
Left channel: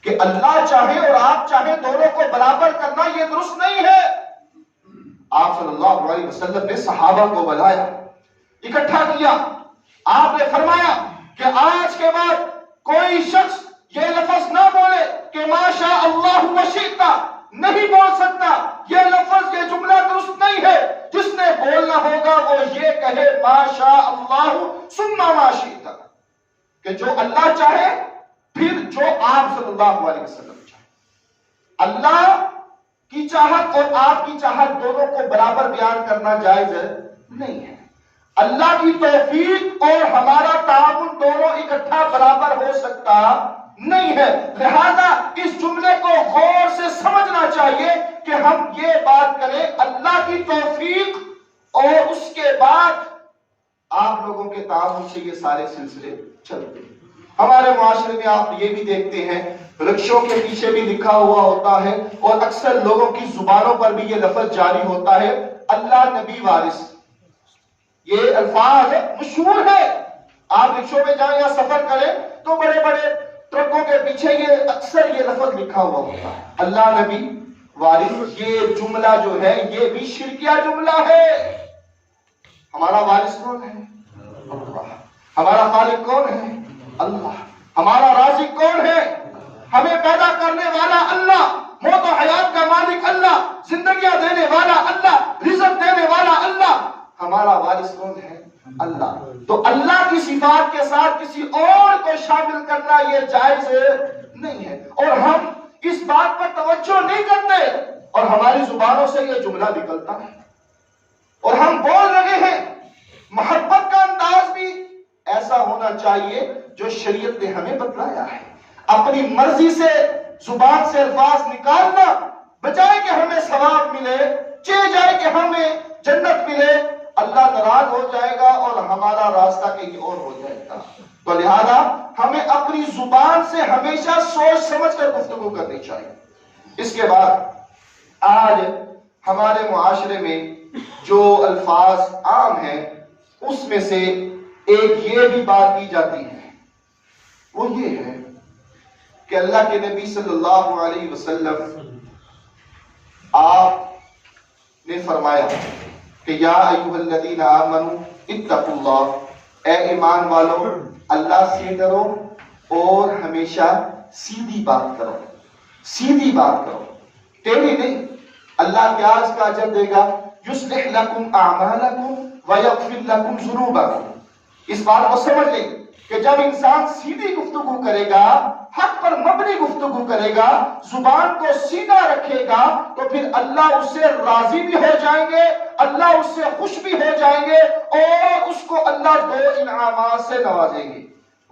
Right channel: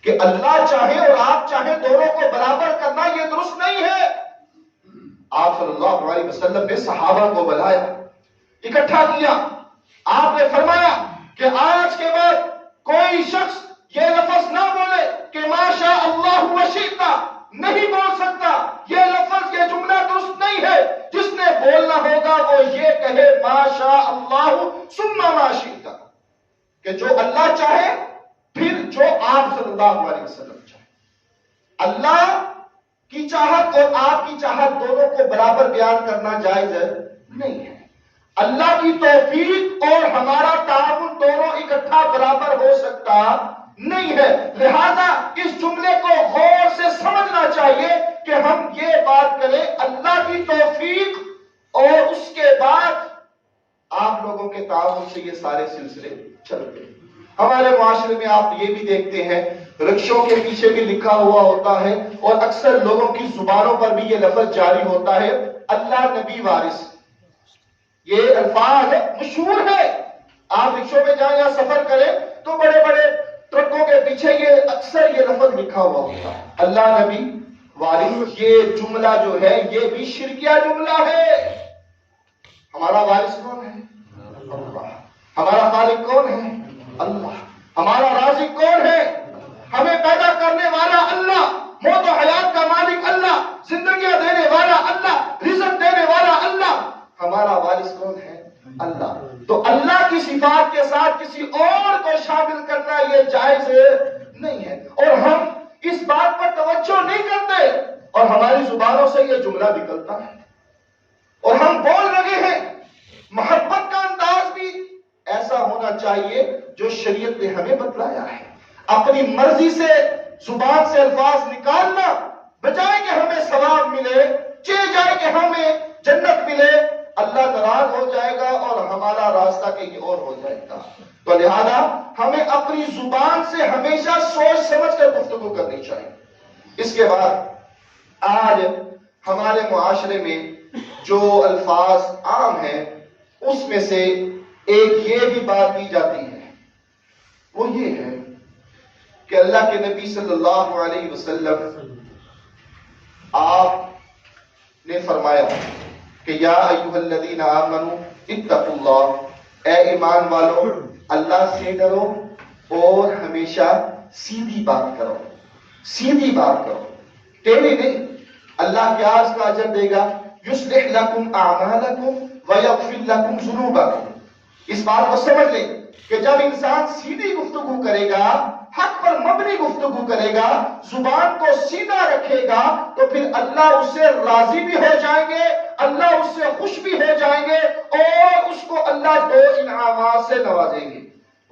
کہ اللہ چاہے اور آپ چاہیں دونوں کو برابر کرنا یہ درست نہیں ہے. آپ صلی اللہ علیہ وسلم نے صحابہ کو بلایا، اکٹھا کیا. آپ نے فرمایا کہ آج کے بعد کوئی شخص یہ لفظ نہ بولے کہ ما شاء اللہ و شئت، نہیں بول سکتا. یہ لفظ، یہ جملہ درست نہیں ہے. جس نے بولنا ہوگا وہ یہ کہے ما شاء اللہ ثم ما شئت، کہ جو اللہ چاہے پھر جو آپ صلی اللہ علیہ وسلم چاہے. اللہ کی چاہت اور آپ کی چاہت دونوں کو برابر بیان کرنا جائز نہیں ہے. اللہ کی توفیق اور ہمارا تعاون دونوں اکٹھا برابر ہو سکتا نہیں ہے. لہذا اس جملے کو غور سے سمجھنا چاہیے کہ ہم یہ بات کریں اللہ کی توفیق اور اس کے بعد آپ لوگوں کے تعاون سے یہ سارے سلسلے چلتے ہیں. ہمارے معاشرے میں آپ یہ بھی دیکھتے ہیں رکشوں کے پیچھے بھی لکھا ہوا ہوتا ہے اور اکثر لوگوں کی زبانوں پر بھی یہ لفظ جاری ہوتا ہے اللہ نبی وارث. یہ الفاظ مشہور ہے. آپ رکشوں میں جائیں یا سفر کریں تو بڑے بڑے ٹرکوں کے پیچھے یہ اکثر یہ لفظ لکھا ہوا ہوتا ہے اللہ نبی وارث. یہ جملہ جو ہے یہ بھی شرکیہ جملہ ہے. ہمارا وارث کون ہے؟ اللہ. ہمارا خالق کون ہے؟ اللہ. ہمارا رازق کون ہے؟ ہمیں پیدا کرنے والا اللہ، موت و حیات کا مالک اللہ، زندگیاں دینے والا اللہ، رزق دینے والا اللہ. ہمارا وارث کون ہے؟ اللہ. تو اللہ کی صفات کے ساتھ کسی اور کو شامل کرنا یہ جائز نہیں ہے. اور ہم اس بات پر توجہ نہیں کرتے اور ہماری زبانوں سے یہ جملہ نکلتا ہے اور ہم بول رہے ہیں. محبت کا انداز بھی ایسا ہونا چاہیے جو شریعت نے ہمیں بتلایا ہے. اپنی مرضی سے زبان سے الفاظ نکالنا بجائے کہ ہمیں ثواب ملے، چاہے جائے کہ ہمیں جنت ملے، اللہ ناراض ہو جائے گا اور ہمارا راستہ کہیں اور ہو جائے گا. تو لہذا ہمیں اپنی زبان سے ہمیشہ سوچ سمجھ کر گفتگو کرنی چاہیے. اس کے بعد آج ہمارے معاشرے میں جو الفاظ عام ہیں اس میں سے ایک یہ بھی بات کی جاتی ہے، وہ یہ ہے کہ اللہ کے نبی صلی اللہ علیہ وسلم آپ نے فرمایا کہ یا ایھا الذین آمنوا اتقوا اللہ، اے ایمان والو اللہ سے ڈرو اور ہمیشہ سیدھی بات کرو. سیدھی بات کرو، ٹیڑھی نہیں. اللہ کیا اس کا اجر دے گا؟ یصلح لکم اعمالکم ویغفر لکم ذنوبکم. اس بات کو سمجھ لیں کہ جب انسان سیدھی گفتگو کرے گا، حق پر مبنی گفتگو کرے گا، زبان کو سیدھا رکھے گا، تو پھر اللہ اس سے راضی بھی ہو جائیں گے، اللہ اس سے خوش بھی ہو جائیں گے، اور اس کو اللہ 2 انعامات سے نوازیں گے۔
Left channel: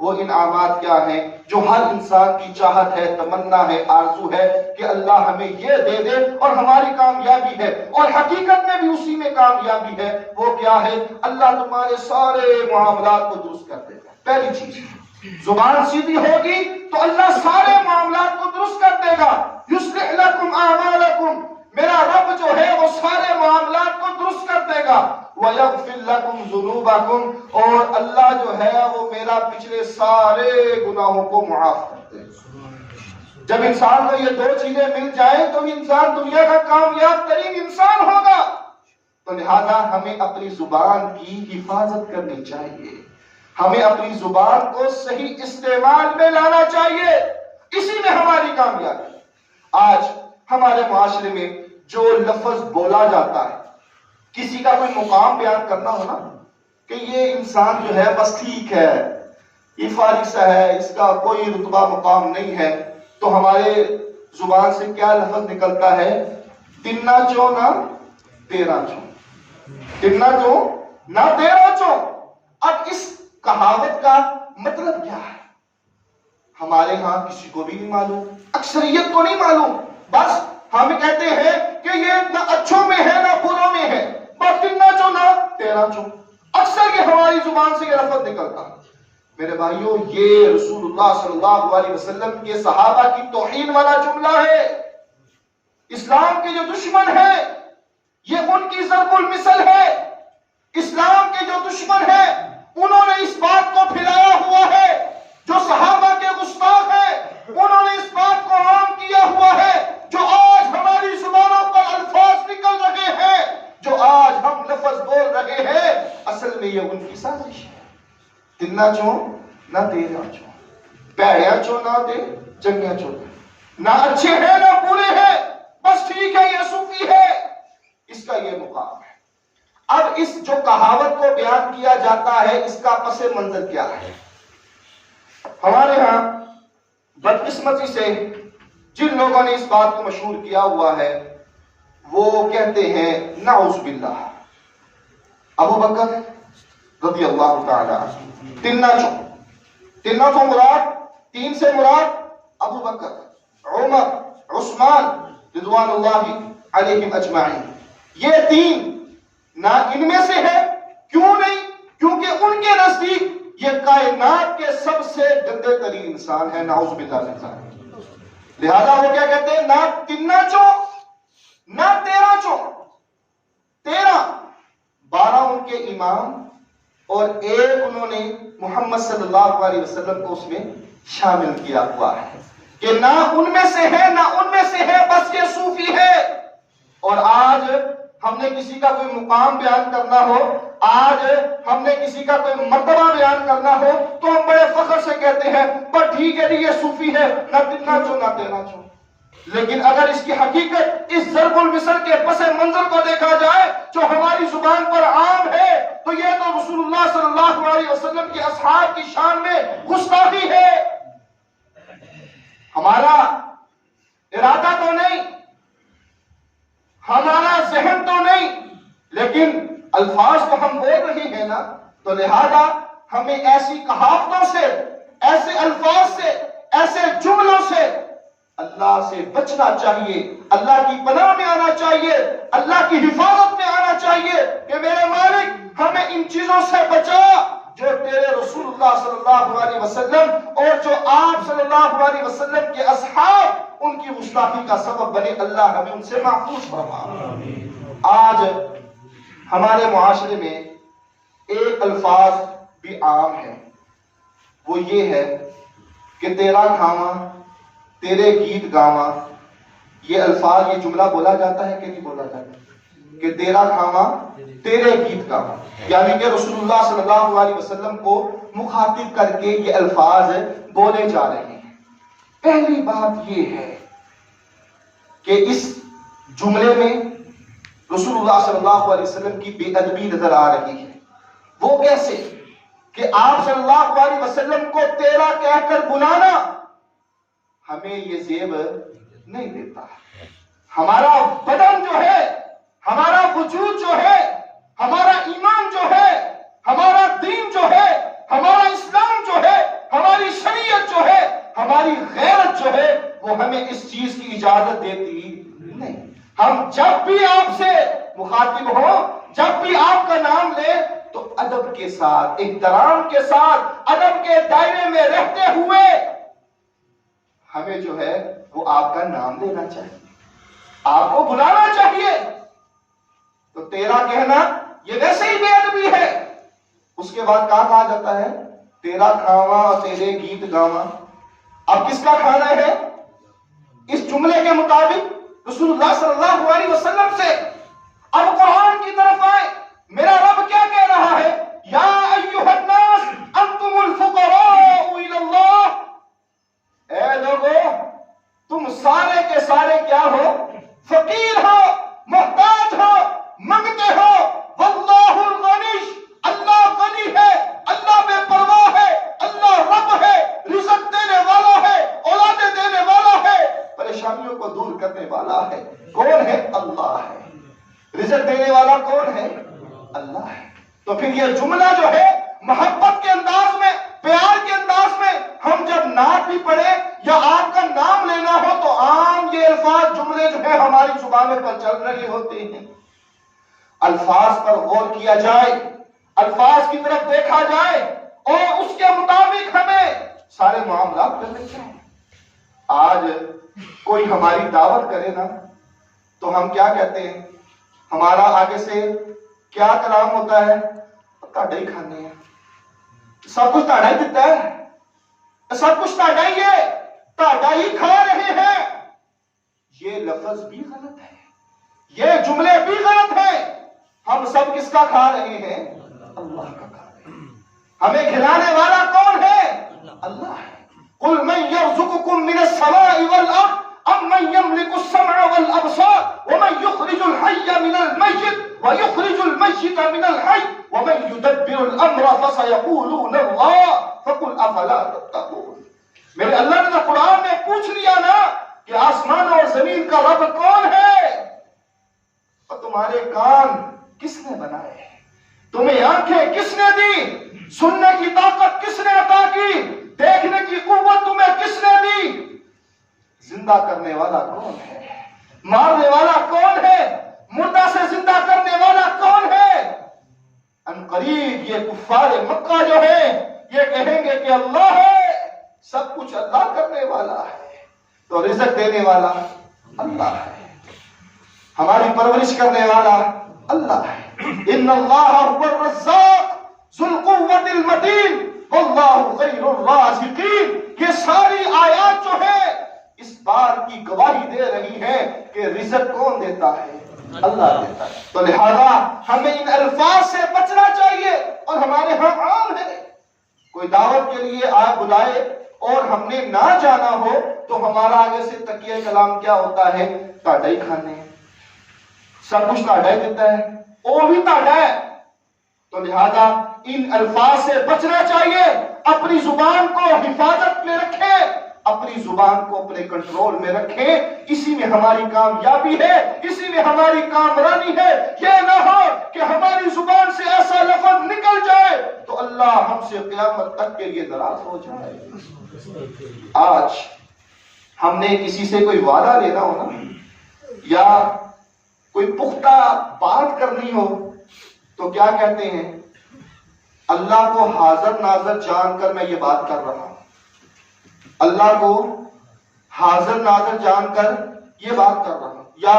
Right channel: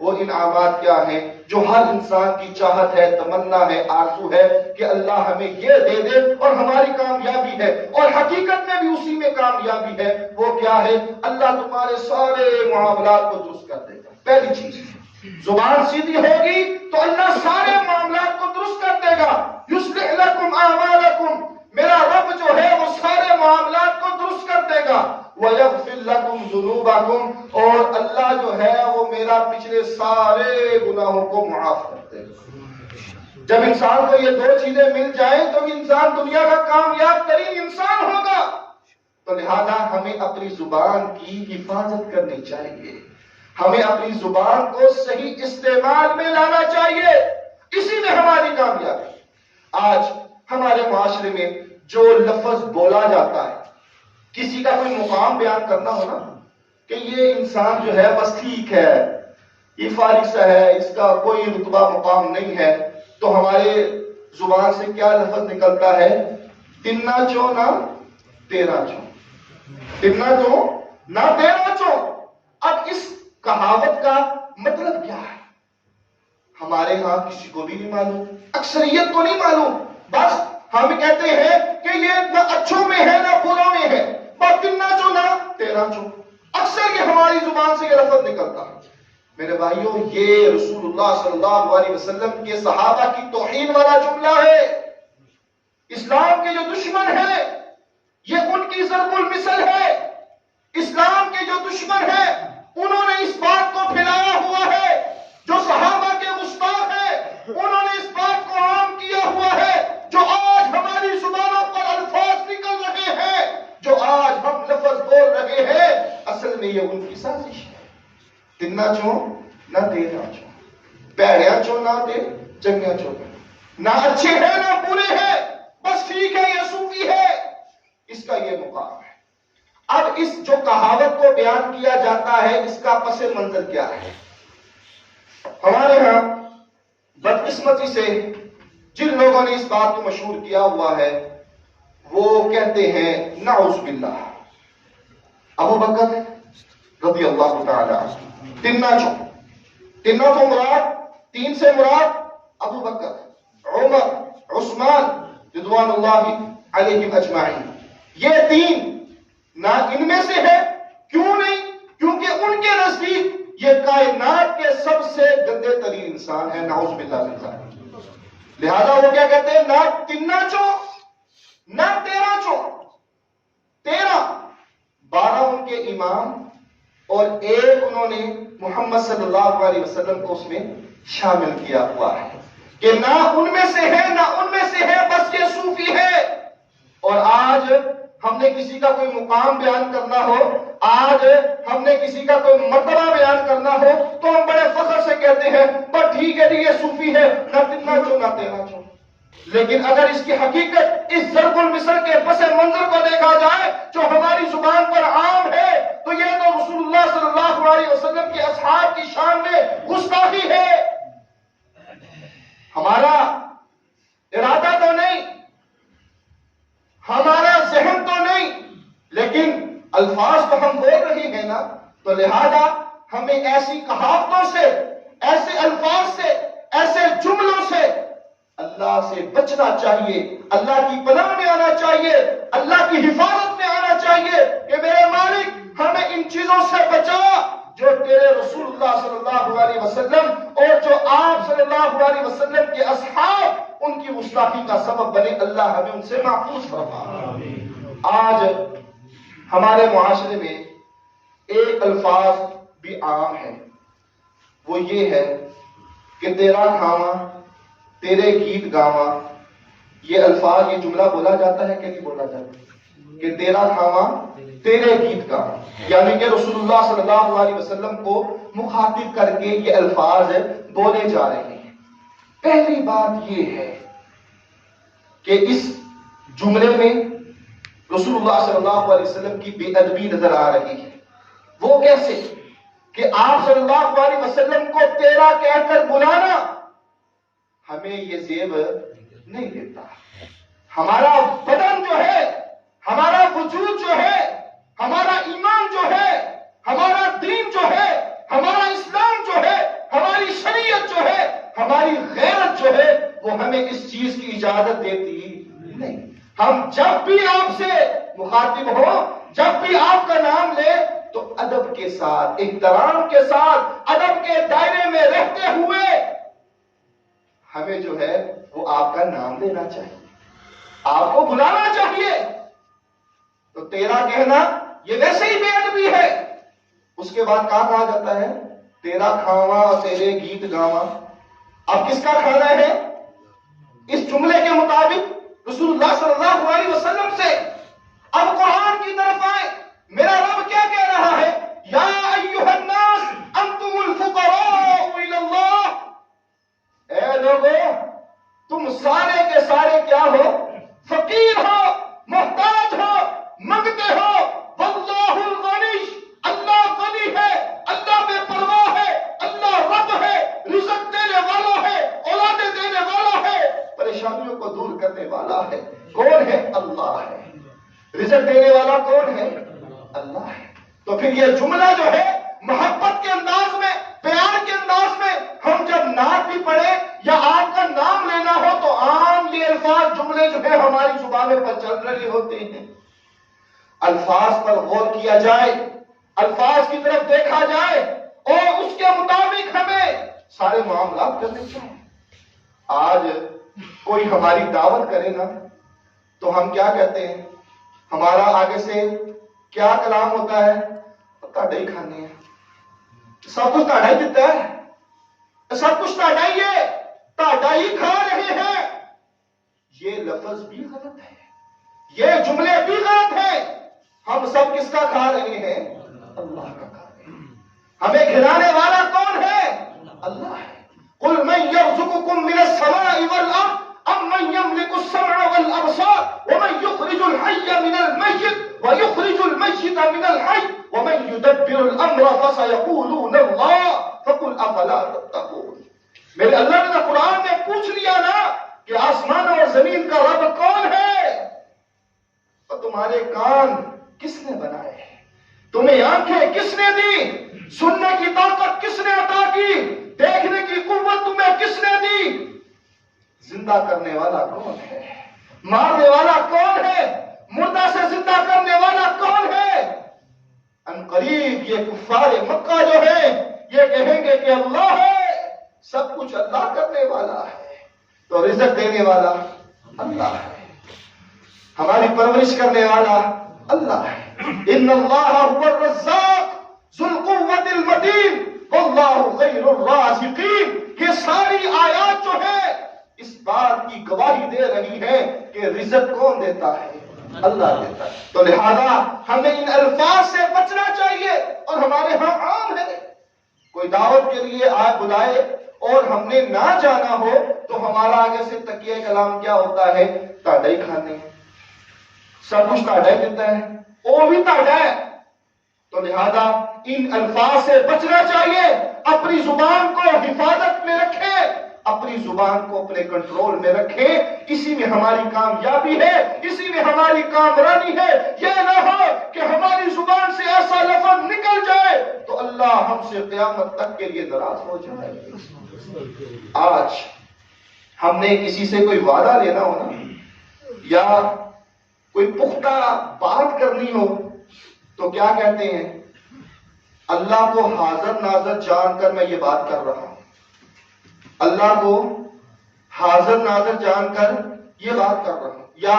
وہ انعامات کیا ہیں؟ جو ہر انسان کی چاہت ہے، تمنا ہے، آرزو ہے کہ اللہ ہمیں یہ دے دے اور ہماری کامیابی ہے، اور حقیقت میں بھی اسی میں کامیابی ہے۔ وہ کیا ہے؟ اللہ تمہارے سارے معاملات کو درست کر دے گا۔ پہلی چیز، زبان سیدھی ہوگی تو اللہ سارے معاملات کو درست کر دے گا۔ یصلح لکم اعمالکم، میرا رب جو ہے وہ سارے معاملات کو درست کر دے گا۔ وَيَغْفِرْ لَكُمْ ذُنُوبَكُمْ، اور اللہ جو ہے وہ میرا پچھلے سارے گناہوں کو معاف کر دے گا۔ جب انسان کو یہ 2 چیزیں مل جائیں تو انسان دنیا کا کامیاب ترین انسان ہوگا۔ تو لہذا ہمیں اپنی زبان کی حفاظت کرنی چاہیے، ہمیں اپنی زبان کو صحیح استعمال میں لانا چاہیے، اسی میں ہماری کامیابی۔ آج ہمارے معاشرے میں جو لفظ بولا جاتا ہے، کسی کا کوئی مقام بیان کرنا ہو نا، کہ یہ انسان جو ہے بس ٹھیک ہے، یہ فارغ سا ہے، اس کا کوئی رتبہ مقام نہیں ہے، تو ہمارے زبان سے کیا لفظ نکلتا ہے؟ تنا چو نہ تیرا چو، تنا چو نہ تیرا چو۔ اب اس کہاوت کا مطلب کیا ہے؟ ہمارے ہاں کسی کو بھی نہیں معلوم، اکثریت کو نہیں معلوم، بس ہم کہتے ہیں کہ یہ نہ اچھوں میں ہے نہ بروں میں ہے، بس تنا چو نہ تیرا چو، اکثر یہ ہماری زبان سے یہ لفظ نکلتا ہے۔ میرے بھائیوں، یہ رسول اللہ صلی اللہ علیہ وسلم کے صحابہ کی توہین والا جملہ ہے۔ اسلام کے جو دشمن ہیں یہ ان کی ضرب المثل ہے، اسلام کے جو دشمن ہیں انہوں نے اس بات کو پھیلایا ہوا ہے، جو صحابہ کے گستاخ ہیں انہوں نے اس بات کو عام کیا ہوا ہے، جو آج ہماری زبانوں پر الفاظ نکل رہے ہیں، جو آج ہم لفظ بول رہے ہیں، اصل میں یہ ان کی سازش ہے۔ تنا چو نہ تیرا چو، پیڑیا چو نہ تے چنگیا چو، نہ اچھے ہیں نہ برے ہیں، بس ٹھیک ہے، یہ صوفی ہے، اس کا یہ مقام ہے۔ اب اس جو کہاوت کو بیان کیا جاتا ہے، اس کا پس منظر کیا ہے؟ ہمارے ہاں بدقسمتی سے جن لوگوں نے اس بات کو مشہور کیا ہوا ہے وہ کہتے ہیں نعوذ باللہ، ابو بکر رضی اللہ تعالی عنہ تنا چو، تنا چو مراد، 3 سے مراد ابو بکر، عمر، عثمان رضوان اللہ علیہم اجمعین، یہ 3 نہ ان میں سے ہے۔ کیوں نہیں؟ کیونکہ ان کے نزدیک یہ کائنات کے سب سے گندے ترین انسان ہے، نعوذ باللہ من ذالک۔ لہذا وہ کیا کہتے ہیں؟ نہ تنا چو نہ تیرا چو، 12 ان کے امام اور 1 انہوں نے محمد صلی اللہ علیہ وسلم کو اس میں شامل کیا ہوا ہے کہ نہ ان میں سے ہے نہ ان میں سے ہے، بس یہ صوفی ہے۔ اور آج ہم نے کسی کا کوئی مقام بیان کرنا ہو، آج ہم نے کسی کا کوئی مرتبہ بیان کرنا ہو، تو ہم بڑے فخر سے کہتے ہیں پر ٹھیک ہے یہ صوفی ہے، نہ تنا چو نہ تیرا چو۔ لیکن اگر اس کی حقیقت اس ضرب المثل کے پس منظر کو دیکھا جائے جو ہماری زبان پر عام ہے، تو یہ تو رسول اللہ صلی اللہ علیہ وسلم کے اصحاب کی شان میں گستاخی ہے۔ ہمارا ارادہ تو نہیں، ہمارا ذہن تو نہیں، لیکن الفاظ تو ہم بول رہے ہیں نا، تو لہذا ہمیں ایسی کہاوتوں سے، ایسے الفاظ سے، ایسے جملوں سے اللہ سے بچنا چاہیے، اللہ کی پناہ میں آنا چاہیے، اللہ کی حفاظت میں آنا چاہیے کہ میرے مالک ہمیں ان چیزوں سے بچا جو تیرے رسول اللہ صلی اللہ علیہ وسلم اور جو آپ صلی اللہ علیہ وسلم کے اصحاب ان کی گستاخی کا سبب بنے، اللہ ہمیں ان سے محفوظ فرما۔ آج ہمارے معاشرے میں ایک الفاظ بھی عام ہے، وہ یہ ہے کہ تیرا کھاواں تیرے گیت گاواں۔ یہ الفاظ، یہ جملہ بولا جاتا ہے کہ نہیں بولا جاتا کہ تیرا کھاواں تیرے گیت گاواں، یعنی کہ رسول اللہ صلی اللہ علیہ وسلم کو مخاطب کر کے یہ الفاظ بولے جا رہے ہیں۔ پہلی بات یہ ہے کہ اس جملے میں رسول اللہ صلی اللہ علیہ وسلم کی بے ادبی نظر آ رہی ہے۔ وہ کیسے؟ کہ آپ صلی اللہ علیہ وسلم کو تیرا کہہ کر بلانا ہمیں یہ زیب نہیں دیتا. ہمارا بدن جو ہے، ہمارا وجود جو ہے، ہمارا ایمان جو ہے، ہمارا دین جو ہے، ہمارا اسلام جو ہے، ہماری شریعت جو ہے، ہماری غیرت جو ہے، وہ ہمیں اس چیز کی اجازت دیتی نہیں. ہم جب بھی آپ سے مخاطب ہوں، جب بھی آپ کا نام لے تو ادب کے ساتھ، احترام کے ساتھ، ادب کے دائرے میں رہتے ہوئے ہمیں جو ہے وہ آپ کا نام لینا چاہیے، آپ کو بلانا چاہیے. تو تیرا کہنا یہ ویسے ہی بے ادبی ہے. اس کے بعد کہا جاتا ہے تیرا کھاواں تیرے گیت گاواں. اب کس کا کھانا ہے؟ اس جملے کے مطابق رسول اللہ صلی اللہ علیہ وسلم سے. اب قرآن کی طرف آئے، میرا رب کیا کہہ رہا ہے؟ یا ایھا الناس انتم الفقراء الی اللہ. اے لوگو، تم سارے کے سارے کیا ہو؟ فقیر ہو، محتاج ہو، منگتے ہو. واللہ الغنی، اللہ غنی ہے، اللہ بے پرواہ ہے، اللہ رب ہے، رزق دینے والا ہے، اولادیں دینے والا ہے، پریشانیوں کو دور کرنے والا ہے. کون ہے؟ اللہ ہے. رزق دینے والا کون ہے؟ اللہ ہے. تو پھر یہ جملہ جو ہے محبت کے انداز میں، پیار کے انداز میں ہم جب نعت بھی پڑھے یا آپ کا نام لینا ہو تو عام یہ الفاظ جملے جو ہے ہماری زبانوں پر چل رہے ہوتے ہیں. الفاظ پر غور کیا جائے، الفاظ کی طرف دیکھا جائے اور اس کے مطابق ہمیں سارے معاملات کرنے چاہیے. آج کوئی ہماری دعوت کرے نا تو ہم کیا کہتے ہیں؟ ہمارا آگے سے کیا کلام ہوتا ہے؟ تاڑا ہی کھانے ہیں، سب کچھ تاڑا ہی دیتا ہے، سب کچھ تاڑا ہی ہے، تاڑا ہی کھا رہے ہیں. یہ لفظ بھی غلط ہے، یہ جملے بھی غلط ہیں. ہم سب کس کا کھا رہے ہیں؟ اللہ کا کھا رہے ہیں. ہمیں کھلانے والا کون ہے؟ اللہ ہے. قل من يرزقكم من السماء والارض ام من يملك السمع والابصار ومن يخرج الحي من الميت ويخرج الميت من الحي ومن يدبر الامر فسيقولون الله فقل افلا تتقون. میرے اللہ نے قرآن میں پوچھ لیا نا کہ آسمان اور زمین کا رب کون ہے، اور تمہارے کان کس نے بنائے ہیں، تمہیں آنکھیں کس نے دی، سننے کی طاقت کس نے عطا کی، دیکھنے کی قوت تمہیں کس نے دی، زندہ کرنے والا کون ہے، مارنے والا کون ہے، مردہ سے زندہ کرنے والا کون ہے. ان قریب یہ کفار مکہ جو ہے یہ کہیں گے کہ اللہ ہے، سب کچھ اللہ کرنے والا ہے. تو رزق دینے والا اللہ ہے، ہماری پرورش کرنے والا اللہ ہے. ان اللہ هو الرزاق ذو القوة المتین واللہ خیر الرازقین. یہ ساری آیات جو ہے اس بات کی گواہی دے رہی ہے کہ رزق کون دیتا ہے؟ اللہ دیتا ہے. تو لہذا ہمیں ان الفاظ سے بچنا چاہیے. اور ہمارے ہاں عام ہے، کوئی دعوت کے لیے آئے بلائے اور ہم نے نہ جانا ہو تو ہمارا آگے سے تکیہ کلام کیا ہوتا ہے؟ تاڑا ہی کھانے، سب کچھ تاڑا ہی دیتا ہے، وہ بھی تاڑا ہے. تو لہذا ان الفاظ سے بچنا چاہیے. اپنی زبان کو حفاظت میں رکھیں، اپنی زبان کو اپنے کنٹرول میں رکھیں. اسی میں ہماری کامیابی ہے، اسی میں ہماری کامرانی ہے. یہ نہ ہو کہ ہماری زبان سے ایسا لفظ نکل جائے تو اللہ ہم سے قیامت تک کے لیے ناراض ہو جائے. آج ہم نے کسی سے کوئی وعدہ لینا ہو نا یا کوئی پختہ بات کرنی ہو تو کیا کہتے ہیں؟ اللہ کو حاضر ناظر جان کر میں یہ بات کر رہا ہوں، اللہ کو حاضر ناظر جان کر یہ بات کر رہا ہوں، یا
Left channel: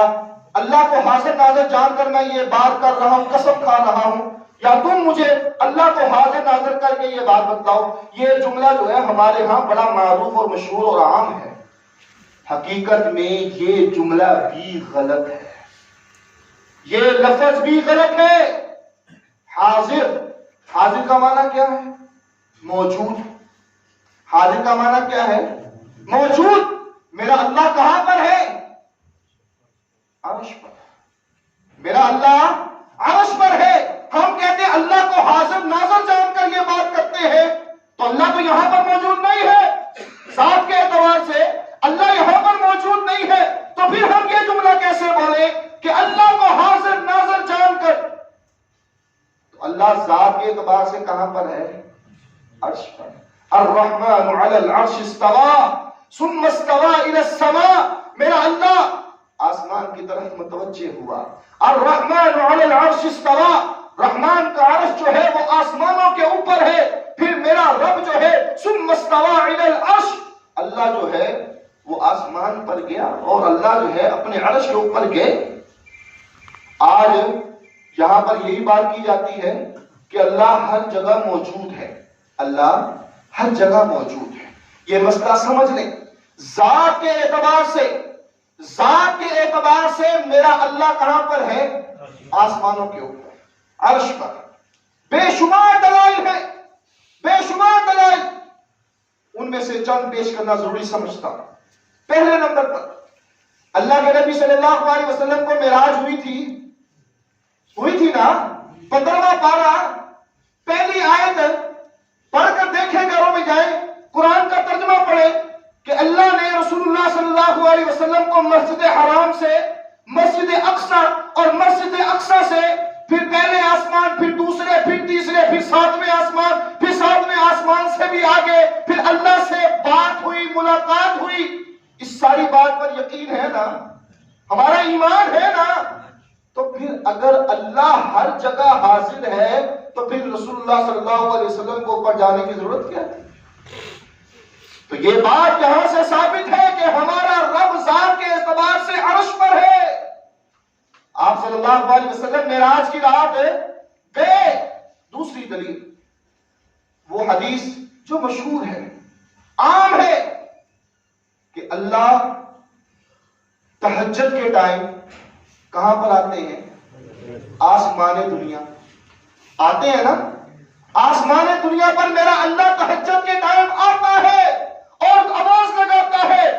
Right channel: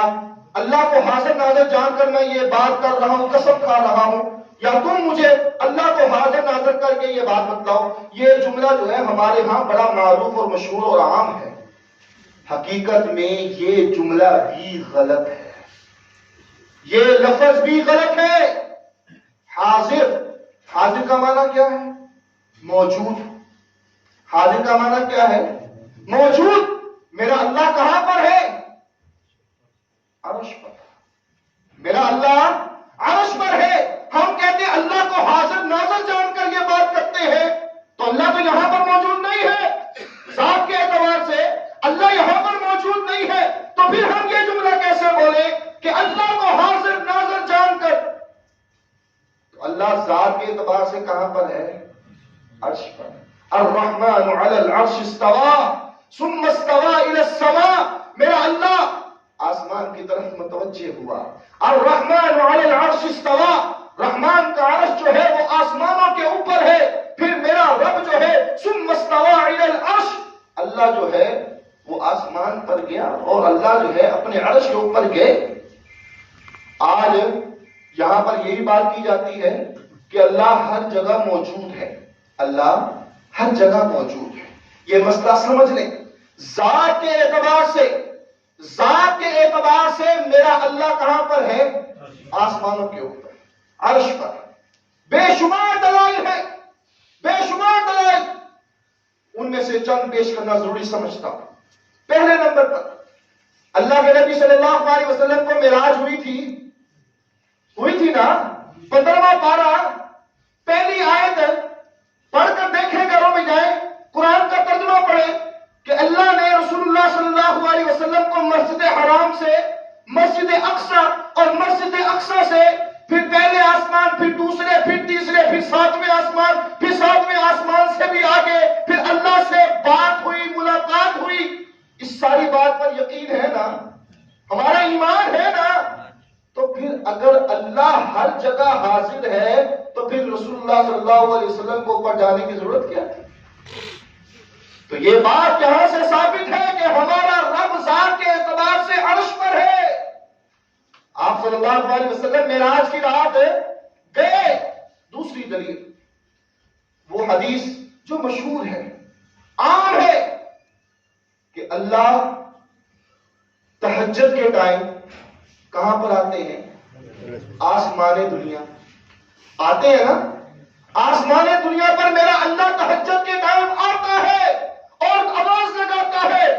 اللہ کو حاضر ناظر جان کر میں یہ بات کر رہا ہوں، قسم کھا رہا ہوں، یا تم مجھے اللہ کو حاضر ناظر کر کے یہ بات بتلاؤ. یہ جملہ جو ہے ہمارے ہاں بڑا معروف اور مشہور اور عام ہے. حقیقت میں یہ جملہ بھی غلط ہے، یہ لفظ بھی غلط ہے. حاضر، حاضر کا معنی کیا ہے؟ موجود. حاضر کا معنی کیا ہے؟ موجود. میرا اللہ کہاں پر ہے؟ عرش پر. میرا اللہ عرش پر ہے. ہم کہتے ہیں اللہ کو حاضر ناظر جان کر یہ بات کرتے کے اعتبار سے کہاں پر ہے؟ عرش پر. الرحمن علی العرش استوى ثم استوى الى السماء. میرا اللہ آسمان کی طرف متوجہ ہوا. الرحمن علی العرش استوى. رحمان کا عرش جو ہے وہ آسمانوں کے اوپر ہے. پھر میرا رب جو ہے ثم استوى الى العرش. اللہ جو ہے وہ آسمان پر گیا اور اللہ جو ہے اپنے عرش کے اوپر گئے. آج یہاں پر یہی بات کی جاتی ہے کہ اللہ ہر جگہ موجود ہے. اللہ ہر جگہ موجود ہے. یہ مسئلہ سمجھ لیں. ذات کے اعتبار سے میرا اللہ کہاں پر ہے؟ آسمانوں کے اوپر، عرش پر. بے شمار دلائل ہیں، بے شمار دلائل. ان میں سے چند پیش کرنا ضروری سمجھتا ہوں. پہلے نمبر پر اللہ کے نبی صلی اللہ علیہ وسلم کو معراج ہوئی تھی نا. 15واں پارہ پہلی آیت پڑھ کر دیکھیں، گھروں میں جائیں، قرآن کا ترجمہ پڑھیں کہ اللہ نے رسول اللہ صلی اللہ علیہ وسلم کو مسجد حرام سے، مسجد اقصی اور مسجد اقصی سے، پھر پہلے آسمان، پھر دوسرے، پھر تیسرے، پھر ساتویں آسمان، پھر ساتویں آسمان سے بھی آگے، پھر اللہ سے بات ہوئی، ملاقات ہوئی. اس ساری بات پر یقین ہے نا؟ ہمارا ایمان ہے نا؟ تو پھر اگر اللہ ہر جگہ حاضر ہے تو پھر رسول اللہ صلی اللہ علیہ وسلم کو اوپر جانے کی ضرورت کیا ہے؟ تو یہ بات یہاں سے ثابت ہے کہ ہمارا رب ذات کے اعتبار سے عرش پر ہے. آپ صلی اللہ علیہ وسلم معراج کی رات گئے. دوسری دلیل وہ حدیث جو مشہور ہے، عام ہے، کہ اللہ تہجد کے ٹائم کہاں پر آتے ہیں؟ آسمان دنیا. آتے ہیں نا؟ آسمان دنیا پر میرا اللہ تہجد کے ٹائم آتا ہے اور آواز لگاتا ہے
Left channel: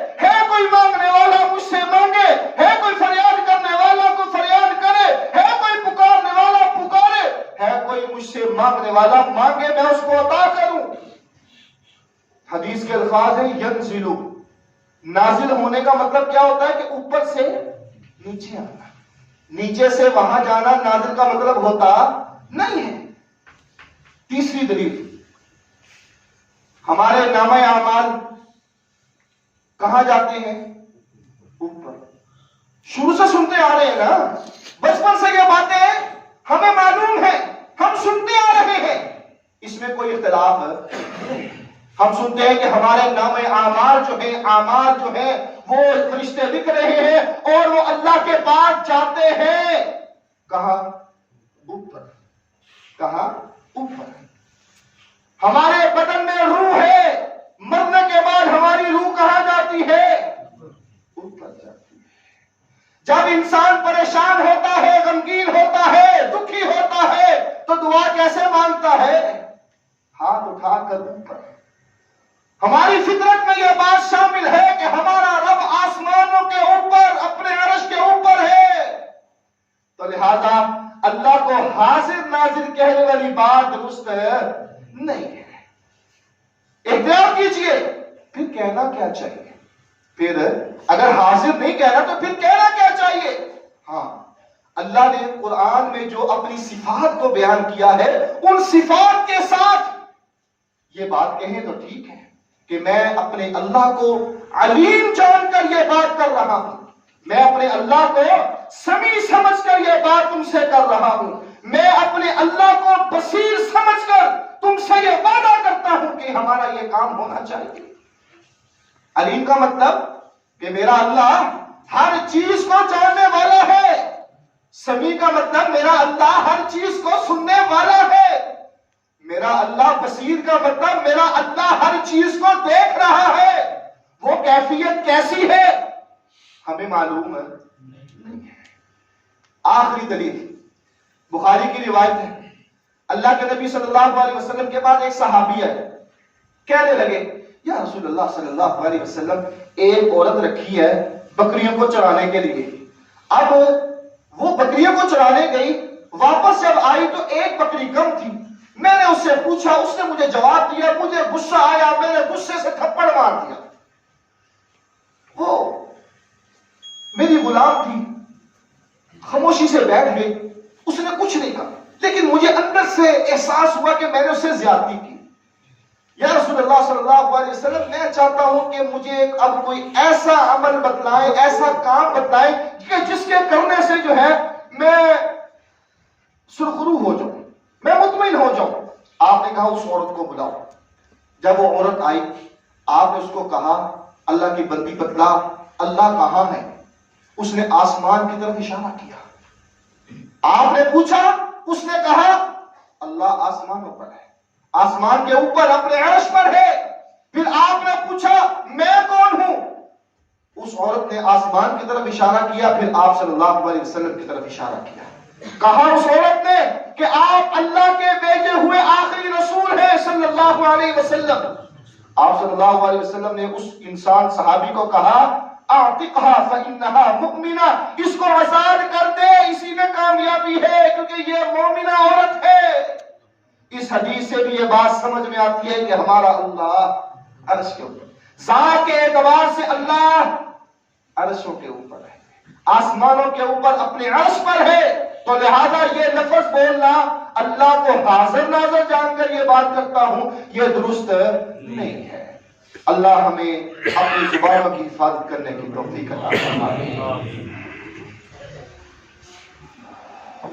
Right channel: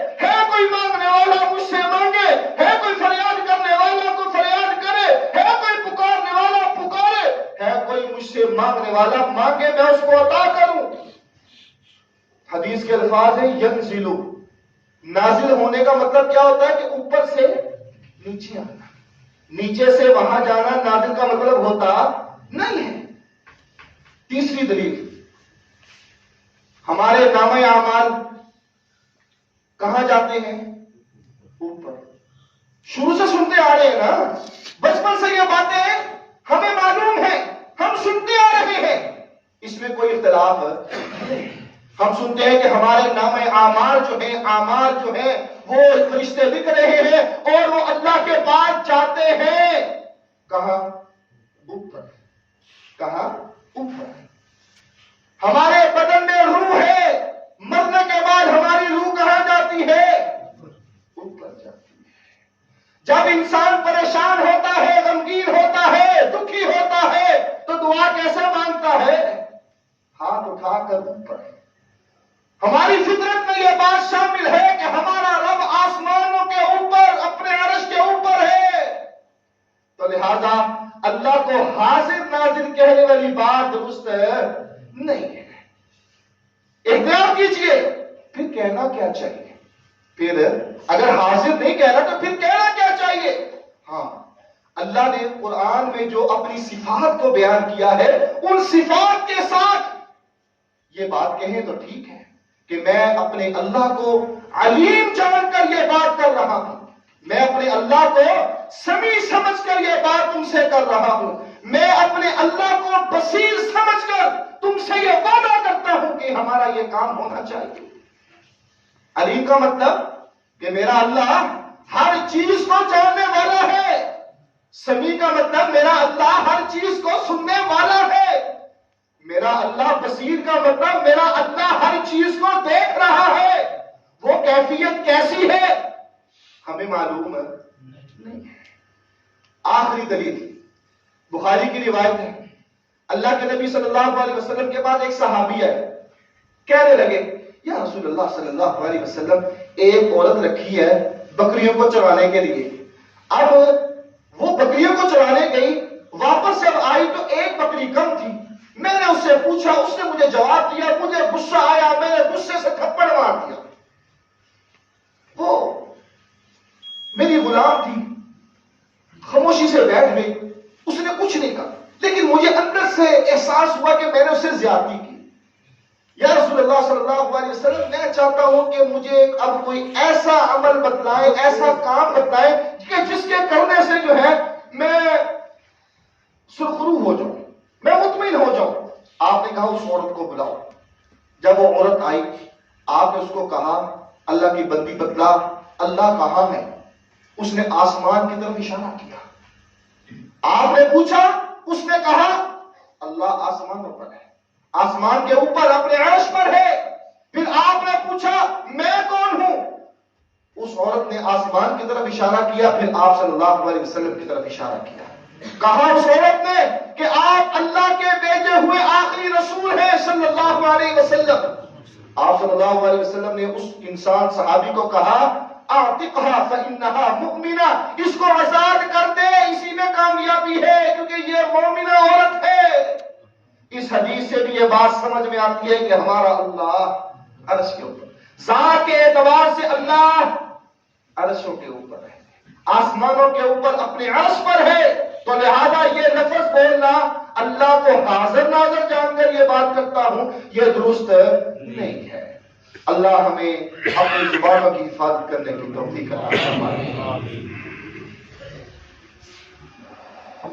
کوئی مانگنے والا مجھ سے مانگے، ہے کوئی فریاد کرنے والا کو فریاد کرے، ہے کوئی پکارنے والا پکارے، ہے کوئی مجھ سے مانگنے والا مانگے، میں اس کو عطا کروں. حدیث کے الفاظ ہیں ینزلو. نازل ہونے کا مطلب کیا ہوتا ہے؟ کہ اوپر سے نیچے آنا، نیچے سے وہاں جانا نازل کا مطلب ہوتا نہیں ہے. تیسری دلیل، ہمارے نامہ اعمال کہاں جاتے ہیں؟ اوپر. شروع سے سنتے آ رہے ہیں نا، بچپن سے یہ باتیں ہمیں معلوم ہیں، ہم سنتے آ رہے ہیں، اس میں کوئی اختلاف نہیں. ہم سنتے ہیں کہ ہمارے نام اعمال جو ہیں وہ فرشتے لکھ رہے ہیں اور وہ اللہ کے پاس جاتے ہیں. کہاں؟ اوپر. کہاں؟ اوپر. ہمارے بدن میں روح ہے، مرنے کے بعد ہماری روح کہاں جاتی ہے؟ اوپر جاتی ہے. جب انسان پریشان ہوتا ہے، غمگین ہوتا ہے، دکھی ہوتا ہے تو دعا کیسے مانگتا ہے؟ ہاتھ اٹھا کر اوپر. ہماری فطرت میں یہ بات شامل ہے کہ ہمارا رب آسمانوں کے اوپر، اپنے عرش کے اوپر ہے. تو لہذا اللہ کو حاضر ناظر کہنے والی بات درست نہیں ہے. احتیاط کیجئے. پھر کہنا کیا چاہیے؟ پھر اگر حاضر نہیں کہنا تو پھر کہنا کیا چاہیے؟ ہاں، اللہ نے قرآن میں جو اپنی صفات کو بیان کیا ہے، ان صفات کے ساتھ یہ بات کہیں تو ٹھیک ہے کہ میں اپنے اللہ کو علیم جان کر یہ بات کر رہا ہوں، میں اپنے اللہ کو سمیع سمجھ کر یہ بات تم سے کر رہا ہوں، میں اپنے اللہ کو بصیر سمجھ کر تم سے یہ وعدہ کرتا ہوں کہ ہمارا یہ کام ہونا چاہیے. علیم کا مطلب کہ میرا اللہ ہر چیز کو جاننے والا ہے. سمیع کا مطلب میرا اللہ ہر چیز کو سننے والا ہے. میرا اللہ بصیر کا مطلب میرا اللہ ہر چیز کو دیکھ رہا ہے. وہ کیفیت کیسی ہے ہمیں معلوم نہیں ہے. آخری دلیل بخاری کی روایت ہے. اللہ کے نبی صلی اللہ علیہ وسلم کے بعد ایک صحابی ہے، کہنے لگے یا رسول اللہ صلی اللہ علیہ وسلم، ایک عورت رکھی ہے بکریوں کو چرانے کے لیے. اب وہ بکریوں کو چرانے گئی، واپس جب آئی تو ایک بکری کم تھی. میں نے اس سے پوچھا، اس نے مجھے جواب دیا، مجھے غصہ آیا، میں نے غصے سے تھپڑ مار دیا. وہ میری غلام تھی، خاموشی سے بیٹھ گئی، اس نے کچھ نہیں کہا. لیکن مجھے اندر سے احساس ہوا کہ میں نے اس سے زیادتی کی. یا رسول اللہ صلی اللہ علیہ وسلم میں چاہتا ہوں کہ مجھے اب کوئی ایسا عمل بتلائے، ایسا کام بتلائے کہ جس کے کرنے سے جو ہے میں سرخرو ہو جاؤں، میں مطمئن ہو جاؤں. آپ نے کہا اس عورت کو بلاؤ. جب وہ عورت آئی آپ نے اس کو کہا اللہ کی بندی بتلا اللہ کہاں ہے؟ اس نے آسمان کی طرف اشارہ کیا. آپ نے پوچھا، اس نے کہا اللہ آسمانوں پر ہے، آسمان کے اوپر اپنے عرش پر ہے. پھر آپ نے پوچھا میں کون ہوں؟ اس عورت نے آسمان کی طرف اشارہ کیا، پھر آپ صلی اللہ علیہ وسلم کی طرف اشارہ کیا. کہا اس عورت نے کہ آپ اللہ کے بھیجے ہوئے آخری رسول ہیں صلی اللہ علیہ وسلم. آپ صلی اللہ علیہ وسلم نے اس انسان صحابی کو کہا اعتقها فإنها مؤمنہ، اس کو آزاد کر دے، اسی میں کامیابی ہے کیونکہ یہ مومنہ عورت ہے. اس حدیث سے بھی یہ بات سمجھ میں آتی ہے کہ ہمارا اللہ عرش کے اوپر، ذات کے اعتبار سے اللہ عرشوں کے اوپر ہے، آسمانوں کے اوپر اپنے عرش پر ہے. تو لہذا یہ لفظ بولنا اللہ کو حاضر ناظر جان کر یہ بات کرتا ہوں یہ درست نہیں ہے. اللہ ہمیں اپنی زبانوں کی حفاظت کرنے کی توفیق عطا فرمائے.